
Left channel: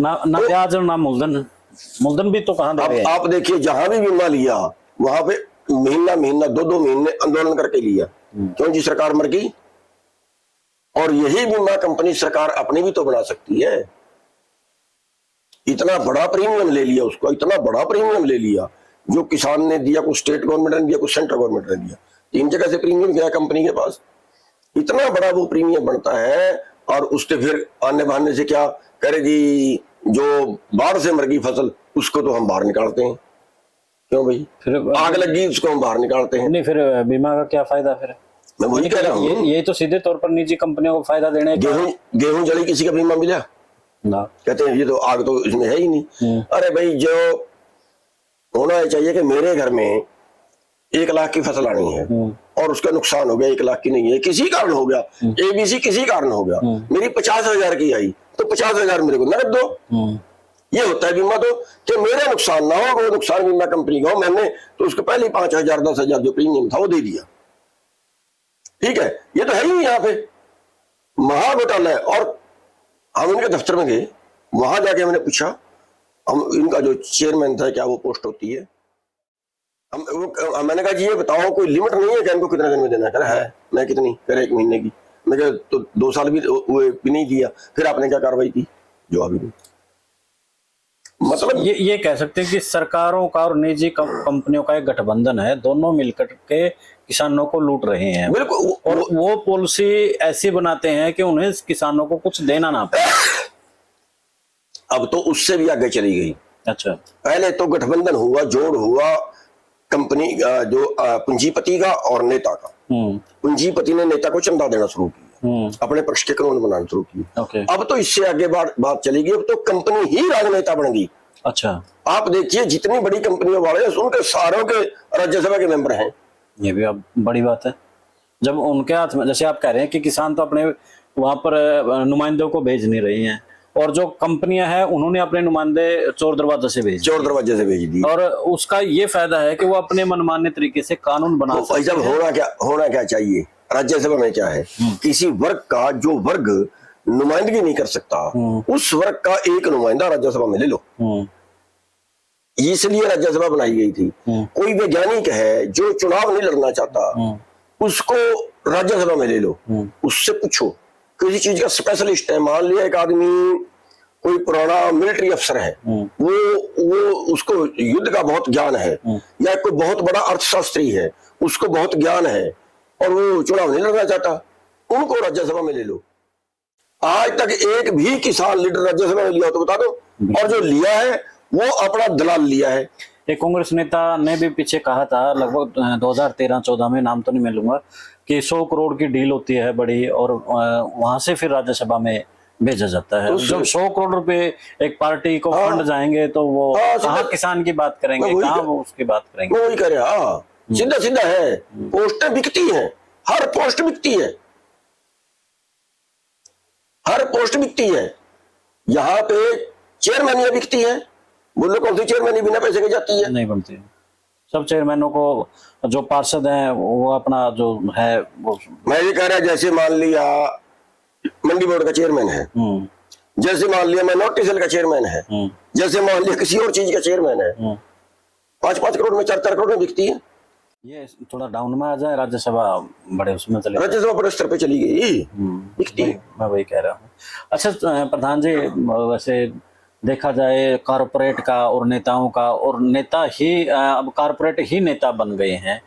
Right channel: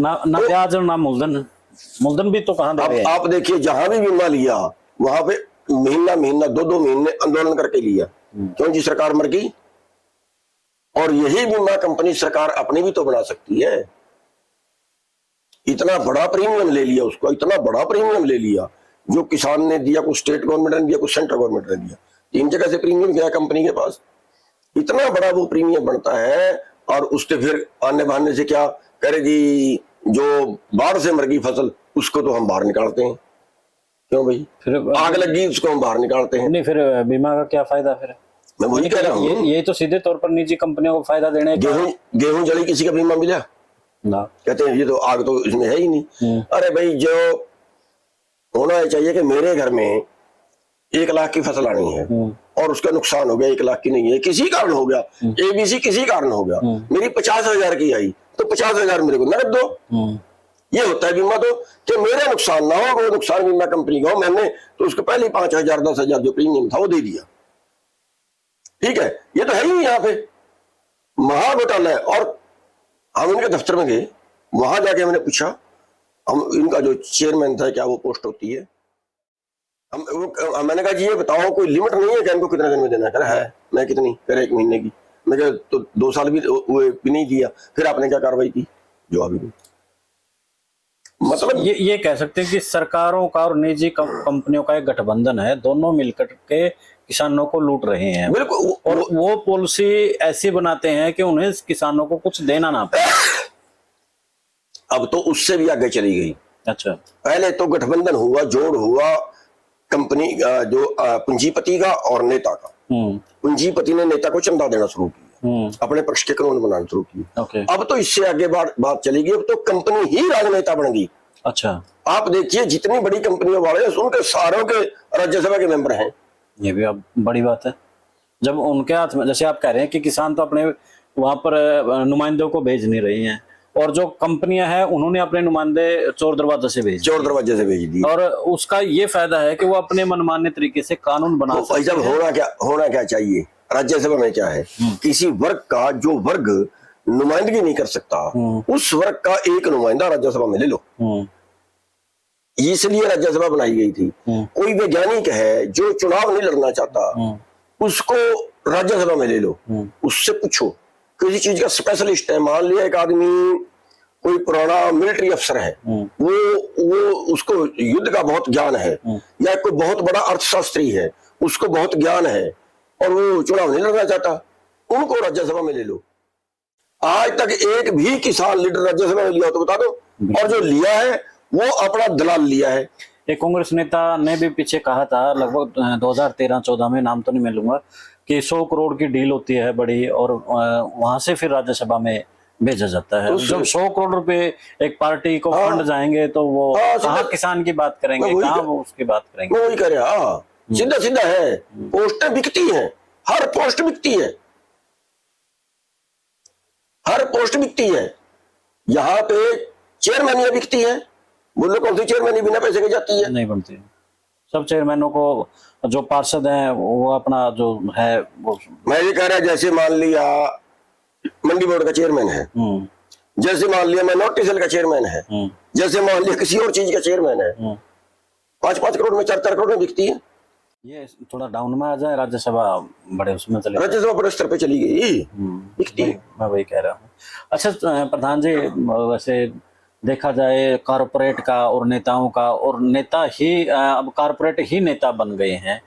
ना ब्याज और ना मूलधन भी तो कहाँ दे रहे हैं। आप देखिए जहां भी बीमा लिया वहां पे महीना 2 महीने आंदोलन करके लिया, क्योंकि सरकार मर गई। और यही बीमा कंपनी सरकार अपनी भी तो बना सकती है। इतना बड़ा प्रीमियम ले लिया उसका, इतना बड़ा प्रीमियम ले लिया, जो किसान ने दिया, कुछ स्टेट गवर्नमेंट ने दिया, कुछ सेंट्रल गवर्नमेंट ने दिया, 3 जगह से प्रीमियम गया कंपनी के पास। इतना बड़ा वो प्रीमियम बनता है और उसके फिर आने बहाने से क्या करे जी, जो बाढ़ से मर गई फसल उसको तो हम बाहर निकालते हैं। क्यों भाई? फिर आग लगी उसको हम बाहर निकालते हैं। नहीं, फिर बीमा का क्या फायदा? फिर मैं वही कह रहा हूँ, ये तो सीधे तौर पर निजी कंपनियों को फायदा देने का। गेहूं जड़ी किसी का बीमा मिला? ना। कहते हैं ये तो आग तो इसमें है ही नहीं। अरे भाई, जो होना चाहिए कि मेरे घर में 1 लाख की फसल आनी है और उसका नुकसान हो गया 1 लाख की नहीं है, किसी कारण हो गया, ABC किसी कारण हो गया, मेरी 50,000 की आई तो 50,000 मेरे को नकद दो। ये होता है बीमा, तो कि मेरा नुकसान ना हो, वो नुकसान बीमा कंपनी का हो। मैंने तो उसको पहले 5,000 10,000 जो प्रीमियम था वो दे दिया। ठीक है, ये तो है ही यहाँ पे महा घोटाला है। और हम इनके दफ्तर में गए, वहां जाके मैंने पूछा, हम इनका जो चेयरमैन था, क्या वो पोस्ट होती है? मैंने कहा जी ये बताया कोई लिमिट नहीं है कि हमको कितना दिन में देना है? कहा है। मैं कितनी? कह रहे 1 महीने की। मैं कहा तो 2 साल भी वो भी नहीं किया, फिर आपने क्या कार्रवाई की? जवाब ही नहीं। मतलब ये कह सकते हैं कि सरकारों का और निजी कंपनियों का एक गठबंधन है, दोनों मिलकर के किसानों को लूट रहे हैं। बिल्कुल। और वो पॉलिसी ऐसी बनाते हैं कि उन्हें किसानों को कुछ देना ना पड़े। अब तो उससे भी आगे चली गई। अच्छा। पहले तो गठबंधन हुआ, जोड़ हुआ कंपनी जो पूंजीपति का और नेता का। पूंजीपति ने नेता को चंदा देना शुरू किया, अपने पक्ष के कानून बनाना शुरू किया। अब तो इससे आगे बात चली गई, अब तो कंपनी ही राजनेता बन गई। अच्छा। आप देखिए जितनी बड़ी कंपनियों वाले उनके सारों के राज्यसभा के मेंबर हैं। ये भी अब बड़ी बात है, जब उनके हाथ में, जैसे आप कह रहे हैं कि किसान तो अपने वहां पर नुमाइंदों को भेज नहीं रही हैं, और जो कंपनियां हैं उन्होंने अपने नुमाइंदे चोर दरवाजे से भेज दिए, और उसका ये फायदा है कि वो अपने मनमाने तरीके से कानून बना सकते हैं। जब होना क्या चाहिए राज्यसभा में क्या है, किसी वर्ग का जो वर्ग नुमाइंदगी नहीं कर सकता, उस वर्ग का एक नुमाइंदा राज्यसभा में ले लो। इसलिए राज्यसभा बनाई गई थी। कोई वैज्ञानिक है जो चुनाव नहीं लड़ना चाहता, उसको राज्यसभा में ले लो, उससे पूछो, किसी चीज का स्पेशलिस्ट है। मान लिया एक आदमी कोई पुराना मिलिट्री अफसर है, वो उसको युद्ध का बहुत ज्ञान है, या कोई बहुत बड़ा अर्थशास्त्री है, उसको बहुत ज्ञान है, और वो चुनाव नहीं लड़ना चाहता, उनको राज्यसभा में ले लो। आज तक एक भी किसान लीडर राज्यसभा में लिया तो बता दो, और जो लिया है वो अपना दलाल लिया है। एक कांग्रेस नेता ने भी पीछे कहा था, लगभग 2013-14 में, नाम तो नहीं मैं लूंगा, कि 100 करोड़ की डील होती है बड़ी, और वहां से फिर राज्यसभा में भेजा जाता है। जब 100 करोड़ रुपए एक पार्टी को फंड जाएंगे तो वो कहाँ किसान की बात करेंगे, कहाँ वो उसकी बात करेंगे? वही करे। हाँ, सीधा सीधा है, पोस्टें बिकती है, हर पोस्ट बिकती है, हर पोस्ट बिकती है। यहाँ पे चेयरमैन बिकती है, बोलो कौन सी चेयरमैन बिना पैसे के जाती है? नहीं बोलते। सब चेयरमैनों को, जो पार्षद है वो अपना जो है वो, मैं ये कह रहा, जैसे मान लिया मंडी बोर्ड का चेयरमैन है, जैसे मान लिया नोटिसल का चेयरमैन है, जैसे मान लिया किसी और चीज का चेयरमैन है, 5-5 करोड़ में 4-4 करोड़ में बिकती है। ये थोड़ा डाउन में आ जाए, राज्यसभा बड़े उसमें चले, राज्यसभा बड़े स्तर पे चली गई, बिकती है। मैं वही कह रहा हूँ। अच्छा प्रधान जी, वैसे देखा जाए कारपोरेट का और नेताओं का, और नेता ही अब कारपोरेट ही नेता बन गए हैं,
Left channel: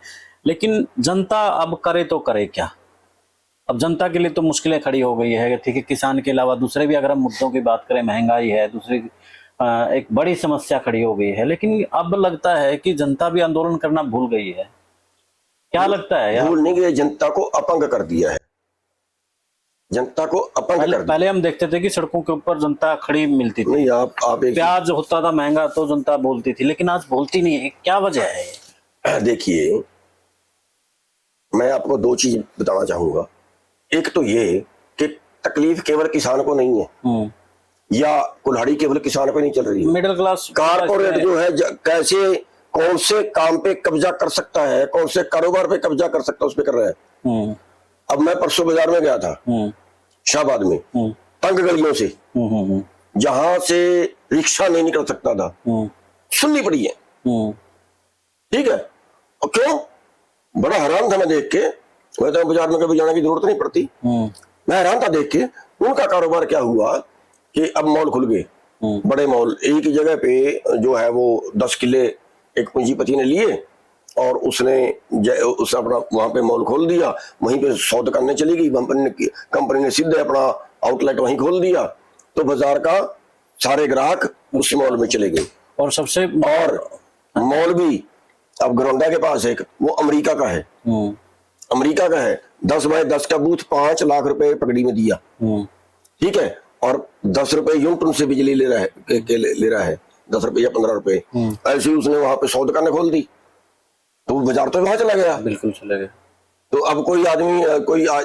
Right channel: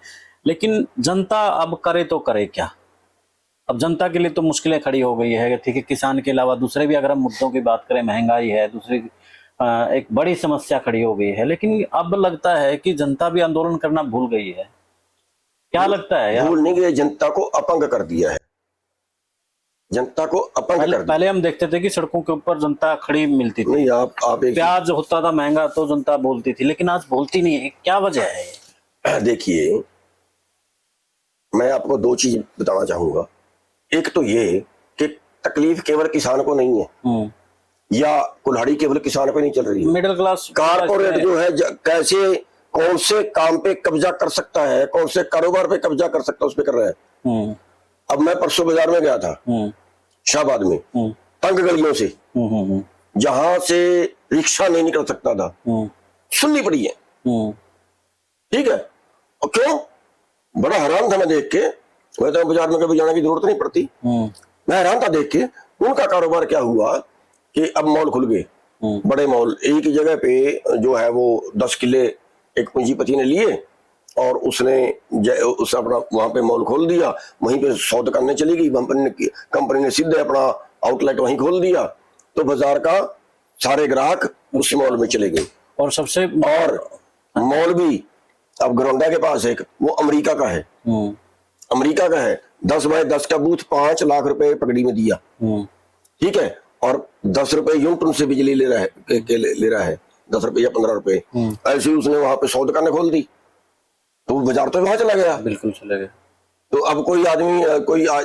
लेकिन जनता अब करे तो करे क्या? अब जनता के लिए तो मुश्किलें खड़ी हो गई है। ठीक है, किसान के अलावा दूसरे भी अगर हम मुद्दों की बात करें, महंगाई है, दूसरी एक बड़ी समस्या खड़ी हो गई है, लेकिन अब लगता है कि जनता भी आंदोलन करना भूल गई है। क्या लगता है? भूल नहीं गई, जनता को अपंग कर दिया है, जनता को अपंग पहले हम देखते थे कि सड़कों के ऊपर जनता खड़ी मिलती थी, नहीं, आप प्याज होता था महंगा तो जनता बोलती थी, लेकिन आज बोलती नहीं है। क्या वजह है? देखिए, मैं आपको 2 चीज बताना चाहूंगा। एक तो ये कि तकलीफ केवल किसान को नहीं है, या कुल्हाड़ी केवल किसान को नहीं चल रही है, मिडिल क्लास कारपोरेट जो है कैसे कौन से काम पे कब्जा कर सकता है, कौन से कारोबार पे कब्जा कर सकता है, उस पे कर रहा है। अब मैं परसों बाजार में गया था, शाहबाद में, 5 गलियों से, जहां से रिक्शा नहीं निकल सकता था, सुननी पड़ी है। ठीक है, और क्यों? बड़ा हैरान था मैं देख के। मैं तो बाजार में कभी जाने की जरूरत नहीं पड़ती, मैं हैरान था देख के। उनका कारोबार क्या हुआ कि अब मॉल खुल गए, बड़े मॉल, एक ही जगह पे जो है वो 10 किले एक पूंजीपति ने लिए, और उसने उस अपना वहां पे मॉल खोल दिया, वहीं पे 100 दुकानें चली गई, कंपनी ने सीधे अपना आउटलेट वहीं खोल दिया, तो बाजार का सारे ग्राहक उस मॉल में चले गए। और सबसे और मॉल भी अब गरोंडा के पास एक, वो अमेरिका का है, अमेरिका का है, 10 बाय 10 का बूथ, 5 लाख रुपए पगड़ी में दिया। ठीक है, और 10 रुपए यूनिट तुमसे बिजली ले रहा है ले रहा है 10 रुपए या 15 रुपए, ऐसे ही उसने वहां पे 100 दुकानें खोल दी, तो बाजार तो वहां चला गया। बिल्कुल चला गया। तो अब कोई आदमी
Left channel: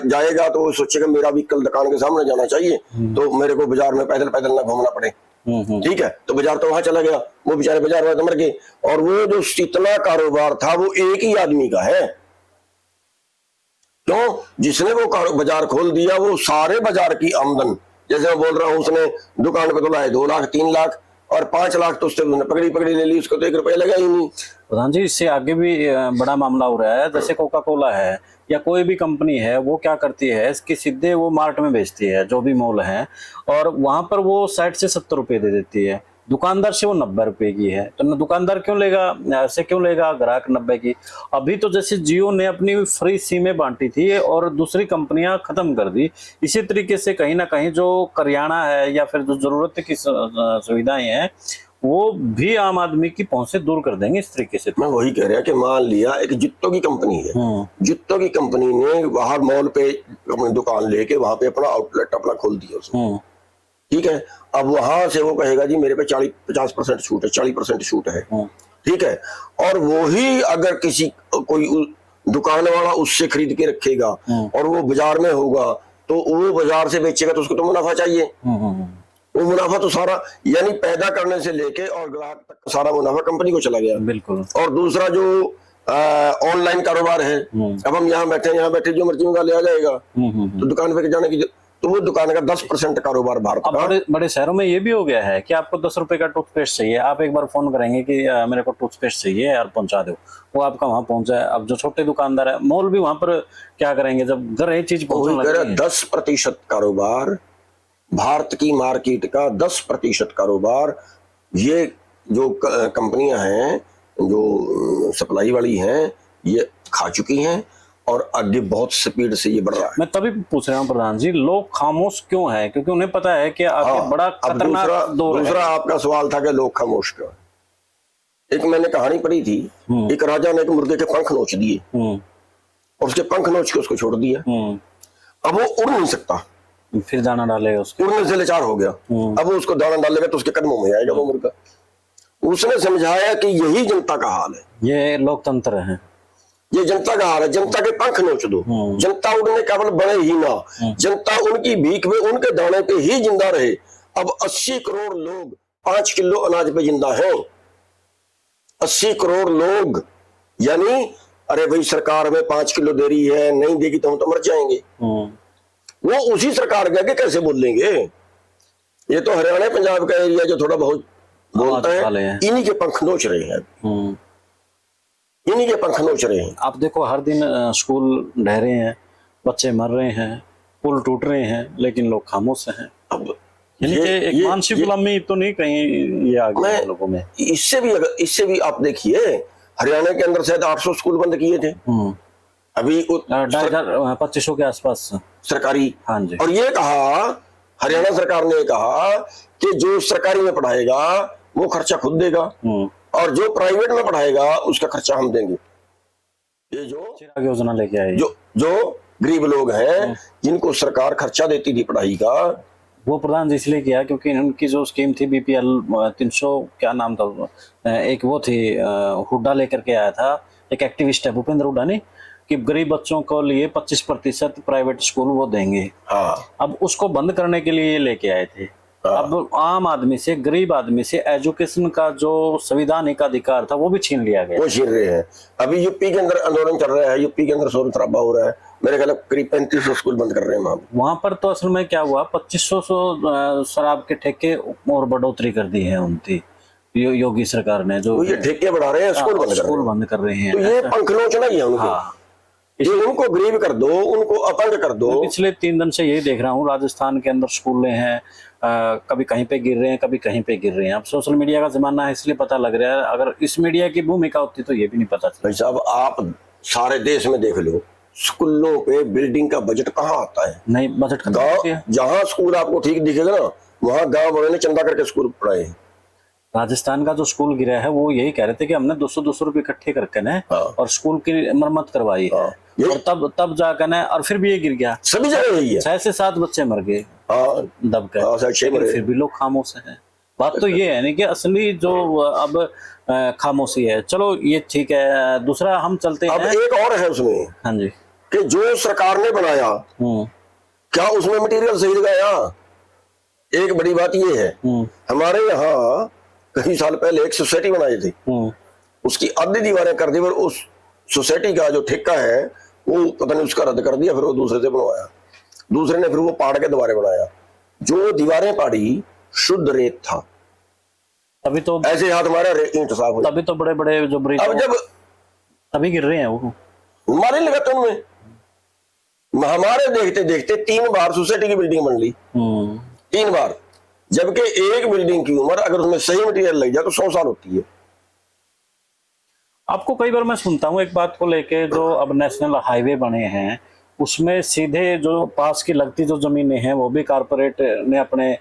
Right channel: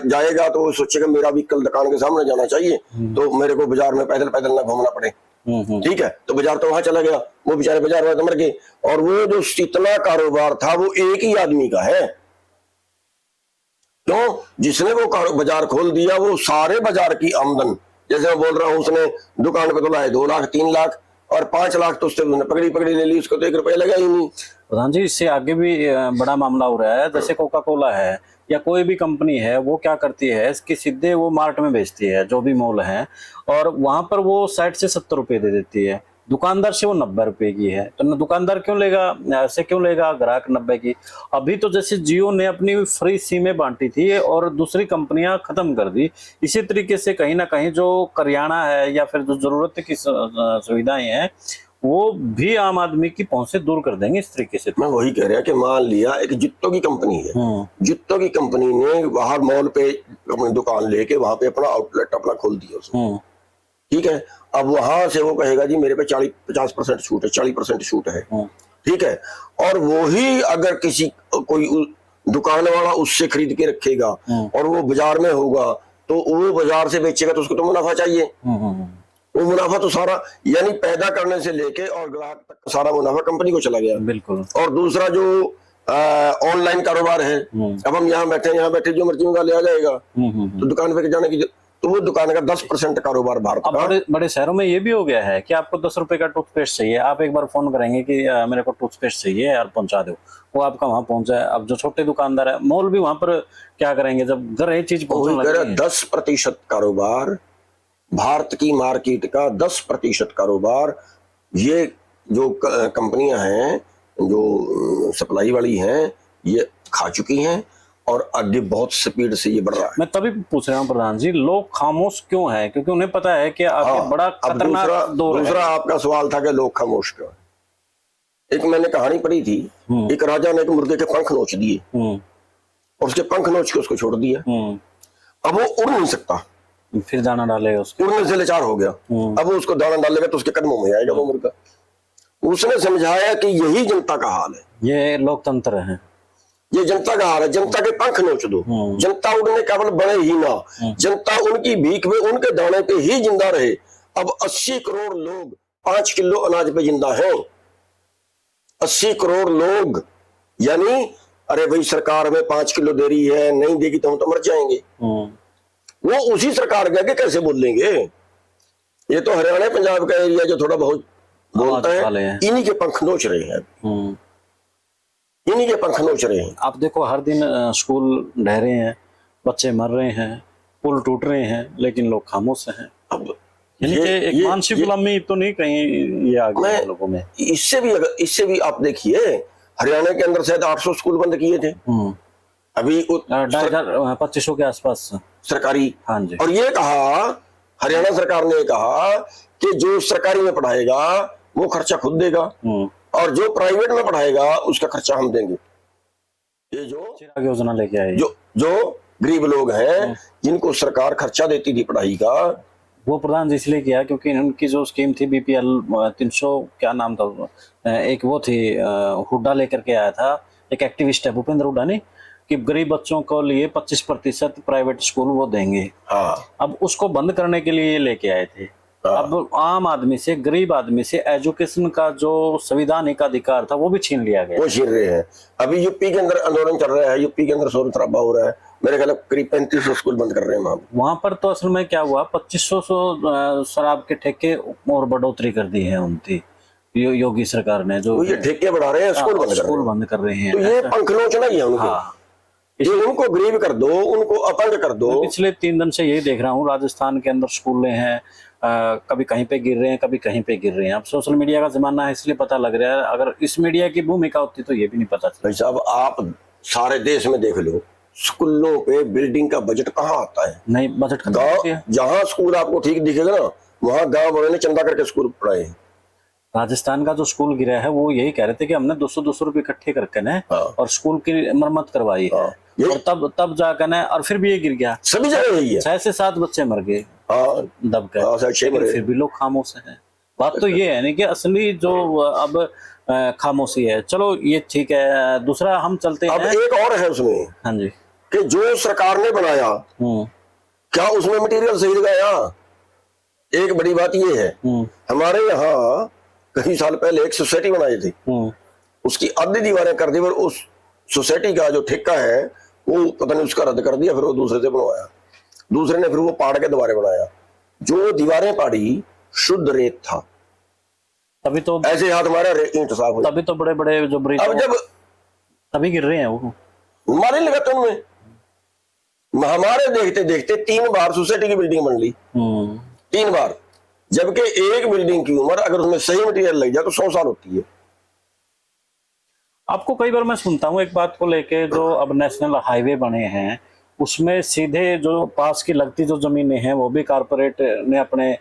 जाएगा तो वो सोचेगा मेरा भी कल दुकान के सामने जाना चाहिए, तो मेरे को बाजार में पैदल पैदल ना घूमना पड़े। ठीक है, तो बाजार तो वहां चला गया, वो बेचारे बाजार में मर गए। और वो जो इतना कारोबार था वो एक ही आदमी का है, क्यों? जिसने वो बाजार खोल दिया वो सारे बाजार की आमदन, जैसे मैं बोल रहा हूँ, उसने दुकान को तो लाए 2 लाख 3 लाख और 5 लाख तो उससे पकड़ी ले ली, उसको तो 1 रुपया लगा ही नहीं। प्रधान जी, इससे आगे भी बड़ा मामला हो रहा है। जैसे कोका कोला है या कोई भी कंपनी है, वो क्या करती है कि सीधे वो मार्ट में बेचती है, जो भी मॉल है, और वहां पर वो 60 से 70 रुपए दे देती है, दुकानदार से वो 90 रुपए की है। तो दुकानदार क्यों लेगा, ऐसे क्यों लेगा ग्राहक 90 की? अभी तो जैसे जियो ने अपनी फ्री सिमें बांटी थी और दूसरी कंपनियां खत्म कर दी, इसी तरीके से कहीं ना कहीं जो करियाना है या फिर जो जरूरत की सुविधाएं हैं वो भी आम आदमी की पहुंच से दूर कर देंगे इस तरीके से। मैं वही कह रहा कि मान लिया एक जित्तो की कंपनी है, जित्तो की कंपनी ने बाहर मॉल पे अपनी दुकान लेके वहां पे अपना आउटलेट अपना खोल दिया उसने, ठीक है। अब वहां से वो कहेगा जी मेरे पे 40-50% छूट है, 40% छूट है, ठीक है। और वो ही अगर किसी कोई दुकान वाला उससे खरीद के रखेगा और वो बाजार में होगा, तो वो बाजार से बेचेगा तो उसको तो मुनाफा चाहिए। वो मुनाफा तो सारा, यानी पैदा करने से लेके और ग्राहक तक सारा मुनाफा कंपनी को चला गया। बिल्कुल। और दूसरा जो ऑनलाइन कारोबार है, अब हम यहाँ बैठे जो मर्जी मंगा लिया जाएगा, तो दुकान पे जाने की, तो वो दुकान का 10% कारोबार भारत का। बड़े बड़े शहरों में ये भी हो गया है कि आपको 10 रुपए का टूथपेस्ट चाहिए, आप एक बार फोन करेंगे कि मेरे को टूथपेस्ट चाहिए यार पहुंचा दो, वो आपका वहां पहुंचा है। अब जो छोटे दुकानदार है, मॉल भी वहां पर क्या करेंगे जब घर ये चीज पहुंचने 10% कारोबार, भारत की मार्केट का 10% कारोबार ये जो कंपनियां हैं, जो सप्लाई वाली हैं, ये खा चुकी हैं और आगे बहुत स्पीड से ये बढ़ रहा है। मैं तभी पूछ रहा हूँ प्रधान जी, लोग खामोश क्यों है? क्योंकि उन्हें पता है कि आगे बड़ा खतरनाक दौर है। दूसरा आपका सवाल था कि लोग खामोश क्यों। एक मैंने कहानी पढ़ी थी, एक राजा ने एक मुर्गे के पंख नोच दिए, उसके पंख नोच के उसको छोड़ दिया, अब वो उड़ नहीं सकता, फिर दाना डाले उसको, उड़ने से लाचार हो गया, अब वो उसको दाना डालेगा तो उसके कदमों में आएगा वो मुर्गा। उसने समझाया कि यही जनता का हाल है, ये लोकतंत्र है, ये जनता का हाल है, जनता के पंख नोच दो, जनता उड़ने काबिल बने ही ना, जनता उनकी भीख में उनके दाने पे ही जिंदा रहे। अब 80 करोड़ लोग 5 किलो अनाज पे जिंदा हैं, 80 करोड़ लोग, यानी अरे भाई सरकार में 5 किलो दे रही है, नहीं देगी तो हम तो मर जाएंगे। वो उसी सरकार के आगे कैसे बोलेंगे? ये तो हरियाणा पंजाब का एरिया जो थोड़ा बहुत बोलता है, इन्हीं के पंख नोच रहे हैं, इन्हीं के पंख नोच रहे हैं। आप देखो हर दिन स्कूल ढह रहे हैं, बच्चे मर रहे हैं, पुल टूट रहे हैं, लेकिन लोग खामोश हैं। मानसिक गुलामी तो नहीं कहीं ये आ गया लोगों में। इससे भी आप देखिए, हरियाणा के अंदर शायद 800 स्कूल बंद किए थे अभी 2500 के आसपास सरकारी। हाँ जी। और ये कहे हरियाणा सरकार ने कहा कि जो सरकारी में पढ़ाएगा वो खर्चा खुद देगा और जो प्राइवेट में पढ़ाएगा उसका खर्चा हम देंगे। ये जो चिराग योजना लेके आई, जो गरीब लोग हैं जिनको सरकार खर्चा देती थी पढ़ाई का, वो प्रधान जी इसलिए किया क्योंकि उनकी जो स्कीम थी BPL 300 क्या नाम था, एक वो थी, हुड्डा लेकर के आया था, एक एक्टिविस्ट है भूपेंद्र हुड्डा ने, कि गरीब बच्चों को लिए 25% प्राइवेट स्कूल वो देंगे। अब उसको बंद करने के लिए ये लेके आए थे। अब आम आदमी से, गरीब आदमी से एजुकेशन का जो संवैधानिक अधिकार था वो भी छीन लिया गया, वो छीन रहे हैं। अभी यूपी के अंदर आंदोलन कर रहा है, यूपी के अंदर शोर शराबा हो रहा है, मेरे ख्याल करीब 3500 स्कूल बंद कर रहे हैं वहाँ पर। तो असल में क्या हुआ, 2500 शराब के ठेके और बढ़ोतरी कर दी है उनकी योगी सरकार ने, जो ये ठेके बढ़ा रहे हैं, स्कूल बंद कर रहे हैं। तो ये पंखने चले, उनको गरीब कर दो, उनको अपंग कर दो। पिछले 3 दिन से यही देख रहा हूँ, राजस्थान के अंदर स्कूल हैं, कभी कहीं पे गिर रहे हैं, कभी कहीं पे गिर रहे हैं। अब सोशल मीडिया का जमाना है इसलिए पता लग रहा है, अगर इस मीडिया की भूमिका होती तो ये भी नहीं पता था। भाई साहब, आप सारे देश में देख लो, स्कूलों पे बिल्डिंग का बजट कहाँ आता है? नहीं, बजट जहाँ स्कूल आपको ठीक दिखेगा ना, वहाँ गाँव वालों ने चंदा करके स्कूल पढ़ाए। राजस्थान का जो स्कूल गिरा है वो यही कह रहे थे कि हमने 200 रुपए इकट्ठे करके ना और स्कूल की मरम्मत करवाई है, और तब जाकर ना, और फिर भी ये गिर गया। सभी जगह यही है, 6 से 7 बच्चे मर गए। हाँ दब गए, हाँ, सर, लेकिन मरे। फिर भी लोग खामोश है। बात तो ये है नहीं कि असली जो अब खामोशी है। चलो ये ठीक है, दूसरा हम चलते अब हैं। एक और है उसमें हाँ जी। कि जो सरकार ने बनाया, हम्म क्या उसमें मटेरियल सही लगाया? एक बड़ी बात ये है, हम्म हमारे यहाँ कई साल पहले एक सोसाइटी बनाई थी, हम्म उसकी आधी दीवारें कर दी, और उस सोसाइटी का जो ठेका है वो पता नहीं उसका रद्द कर दिया, फिर वो दूसरे से बनवाया, दूसरे ने फिर वो पाड़ के दोबारा बनाया। जो दीवारें पाड़ी शुद्ध रेत था, अभी तो ऐसे हाथ हमारा ईंट साफ हो। तभी तो बड़े बड़े जो ब्रिज अब जब अभी गिर रहे हैं वो। मालूम लगा तुमने, हमारे देखते देखते 3 बार सोसाइटी की बिल्डिंग बन ली, 3 बार, जबकि एक बिल्डिंग की उम्र अगर उसमें सही मटीरियल लग जाए तो 100 साल होती है। आपको कई बार मैं सुनता हूँ एक बात को लेके, जो अब नेशनल हाईवे बने हैं उसमें सीधे जो पास की लगती जो जमीनें हैं वो भी कारपोरेट ने अपने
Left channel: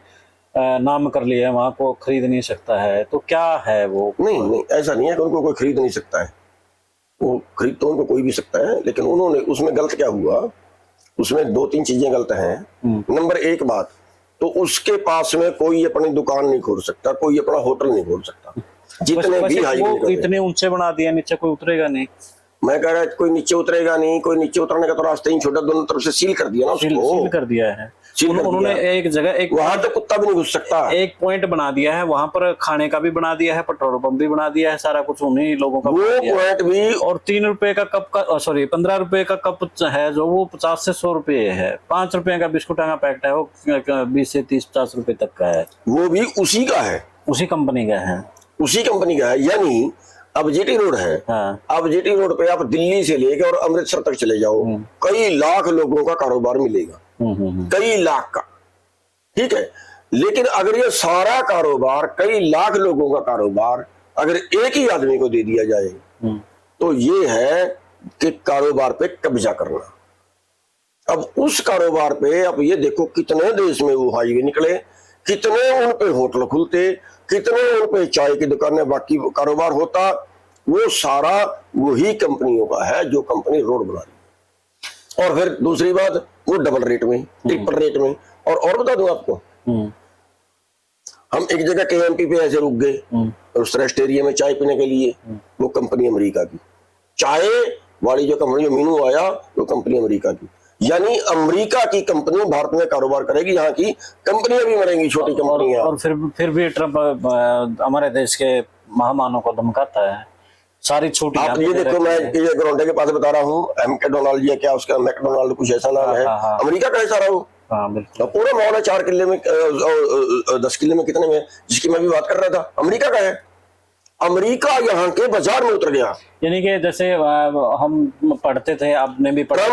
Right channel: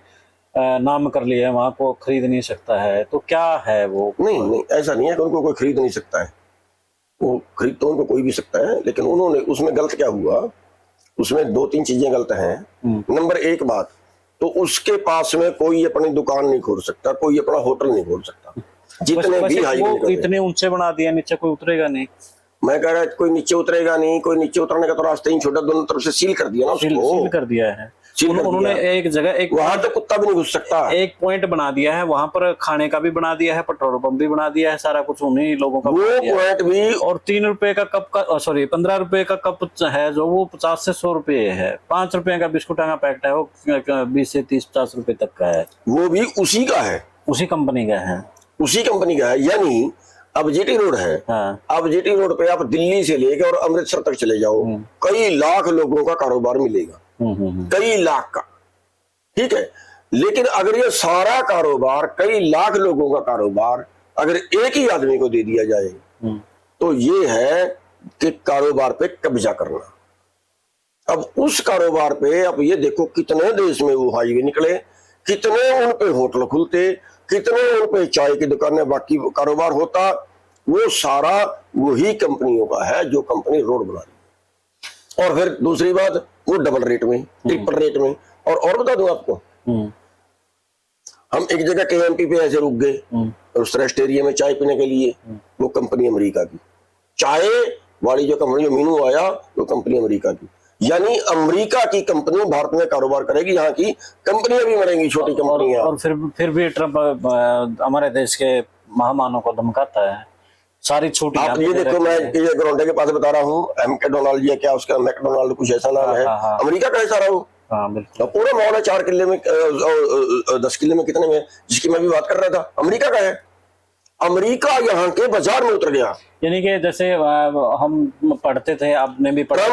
नाम कर लिए हैं, वहां को खरीद नहीं सकता है। तो क्या है वो? नहीं नहीं, ऐसा नहीं है कि उनको कोई खरीद नहीं सकता है, वो खरीद तो उनको कोई भी सकता है, लेकिन उन्होंने उसमें गलत क्या हुआ, उसमें 2-3 चीजें गलत हैं। नंबर 1 बात, तो उसके पास में कोई अपनी दुकान नहीं खोल सकता, कोई अपना होटल नहीं खोल सकता, जितने भी हाईवे वो इतने ऊंचे बना दिया, नीचे कोई उतरेगा नहीं। मैं कह रहा कोई नीचे उतरेगा नहीं, कोई नीचे उतरने का तो रास्ता ही छोटा, दोनों तरफ से सील कर दिया ना उसको, सील कर दिया है सील कर उन्होंने। दिया। एक जगह एक वहां तो कुत्ता भी नहीं घुस सकता। एक पॉइंट बना दिया है, वहां पर खाने का भी बना दिया है, पेट्रोल पंप भी बना दिया है, सारा कुछ उन्हीं लोगों का वो बना दिया है। पॉइंट भी, और 3 रुपए का कप का, सॉरी 15 रुपए का कप है जो वो 50 से 100 रुपए है। 5 रुपए का बिस्कुट का पैकेट है वो 20 से 30-50 रुपए तक का है, वो भी उसी का है, उसी कंपनी का है। उसी कंपनी का है। यानी अब जीटी रोड है, हाँ। अब जीटी रोड पे आप दिल्ली से लेकर और अमृतसर तक चले जाओ, कई लाख लोगों का कारोबार मिलेगा, कई लाख का, ठीक है। लेकिन अगर ये सारा कारोबार, कई लाख लोगों का कारोबार अगर एक ही आदमी को दे दिया जाए तो ये है कि कारोबार पे कब्जा करना। अब उस कारोबार पे, अब ये देखो कितने देश में वो हाईवे निकले, कितने उन पे होटल खुलते, कितने उन पे चाय की दुकानें, बाकी कारोबार होता, वो सारा वही कंपनियों का है जो कंपनी रोड बना रही। और फिर दूसरी बात, वो डबल रेट में, ट्रिपल रेट में। और बता दूं आपको, हम एक जगह केएमपी पे ऐसे रुक गए, रेस्ट एरिया में चाय पीने के लिए, वो कंपनी अमेरिका की, चाय वाली जो कंपनी, जो मीनू आया, वो कंपनी अमेरिका की। यानी अमेरिका की कंपनी भारत में कारोबार करेगी, यहाँ की कंपनियां भी बनेंगी, छोटी कंपनियां। और फिर भी ट्रम्प हमारे देश के महामानव को धमकाता है, सारी छोटी। आप ये देखो, मैं टोरंटो के पास बता रहा हूँ, मैकडोनाल्ड या क्या उसका, मैकडोनाल्ड कुछ ऐसा नाम है, अमेरिका का है सारा वो। हाँ बिल्कुल। पूरा मॉल है 4 किले में, 10 किले में, कितने में, जिसकी मैं भी बात कर रहा था, अमेरिका का है। अमेरिका यहाँ के बाजार में उतर गया। यानी कि जैसे हम पढ़ते थे, आपने भी पढ़ा,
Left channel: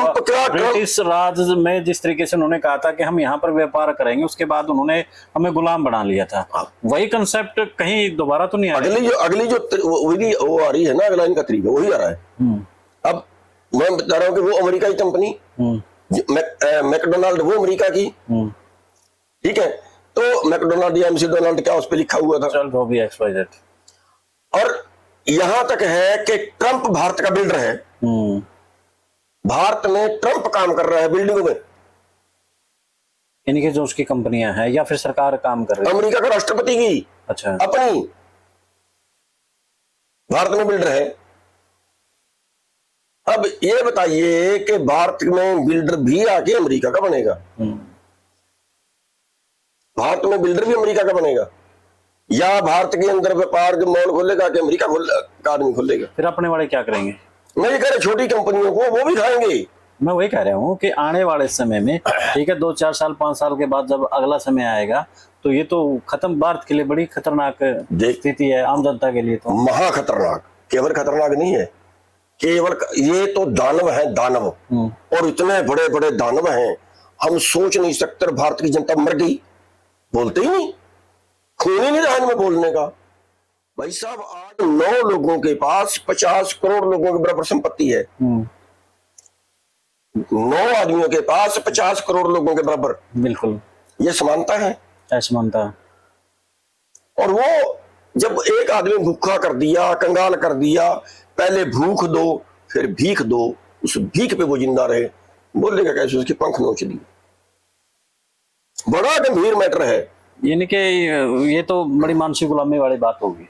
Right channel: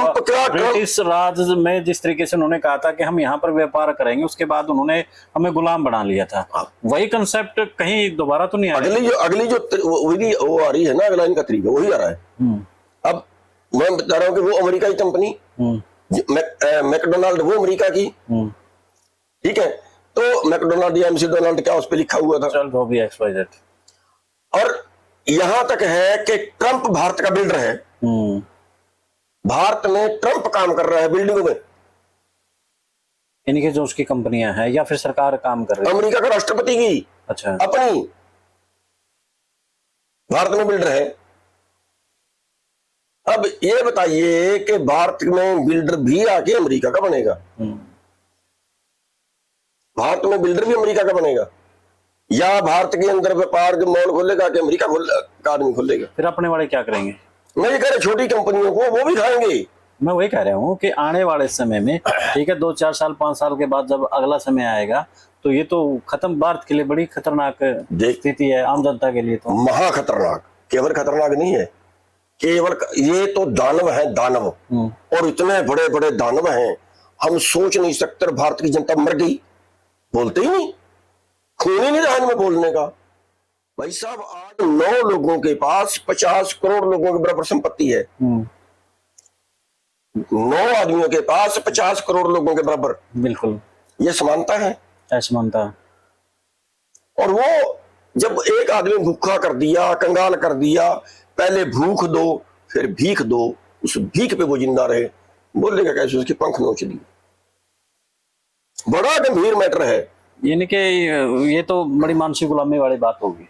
इस राज्य में जिस तरीके से उन्होंने कहा था कि हम यहाँ पर व्यापार करेंगे, उसके बाद उन्होंने हमें गुलाम बना लिया था। वही कंसेप्ट कहीं दोबारा तो नहीं आ रहा। अगली जो विधि वो आ रही है ना, अगला इनका तरीका वही आ रहा है। अब मैं बता रहा हूँ कि वो अमेरिका की कंपनी, मैकडोनाल्ड वो अमेरिका की, ठीक है। तो मैकडोनाल्ड या एमसी डोनाल्ड क्या उस पर लिखा हुआ था, चल वो भी एक्सवाइजेड। और यहां तक है कि ट्रंप भारत का बिल्डर है, भारत में ट्रंप काम कर रहा है बिल्डिंग में, इनकी जो उसकी कंपनियां हैं या फिर सरकार काम कर रही है, अमेरिका का राष्ट्रपति की अच्छा अपनी, भारत में बिल्डर है। अब ये बताइए कि भारत में बिल्डर भी आके अमेरिका का बनेगा, भारत में बिल्डर भी अमेरिका का बनेगा, या भारत के अंदर व्यापार जो मॉल खोलेगा कि अमेरिका का आदमी खोलेगा? फिर अपने वाले क्या करेंगे? अमेरिका छोटी कंपनियों को वो भी करेंगे। मैं वही कह रहा हूँ कि आने वाले समय में, ठीक है, 2-4 साल 5 साल के बाद जब अगला समय आएगा तो ये तो खत्म, भारत के लिए बड़ी खतरनाक स्थिति है, आम जनता के लिए तो महा खतरनाक। केवल खतरनाक नहीं है, केवल ये तो दानव है, दानव, और इतने बड़े बड़े दानव हैं, हम सोच नहीं सकते। भारत की जनता मर गई, बोलते ही नहीं, खोने नहीं रहा में बोलने का। भाई साहब, आज 9 लोगों के पास 50 करोड़ लोगों के बराबर संपत्ति है, 9 आदमियों के पास 50 करोड़ लोगों के बराबर। बिल्कुल, ये समानता है, असमानता। और वो जब एक आदमी भूखा कर दिया, कंगाल कर दिया, पहले भूख दो फिर भीख दो, उस भीख पे वो जिंदा रहे, बोलने का कैसे, उसके पंख नोच दिए। बड़ा गंभीर मैटर है। यानी कि ये तो बड़ी मानसिक गुलामी वाली बात होगी।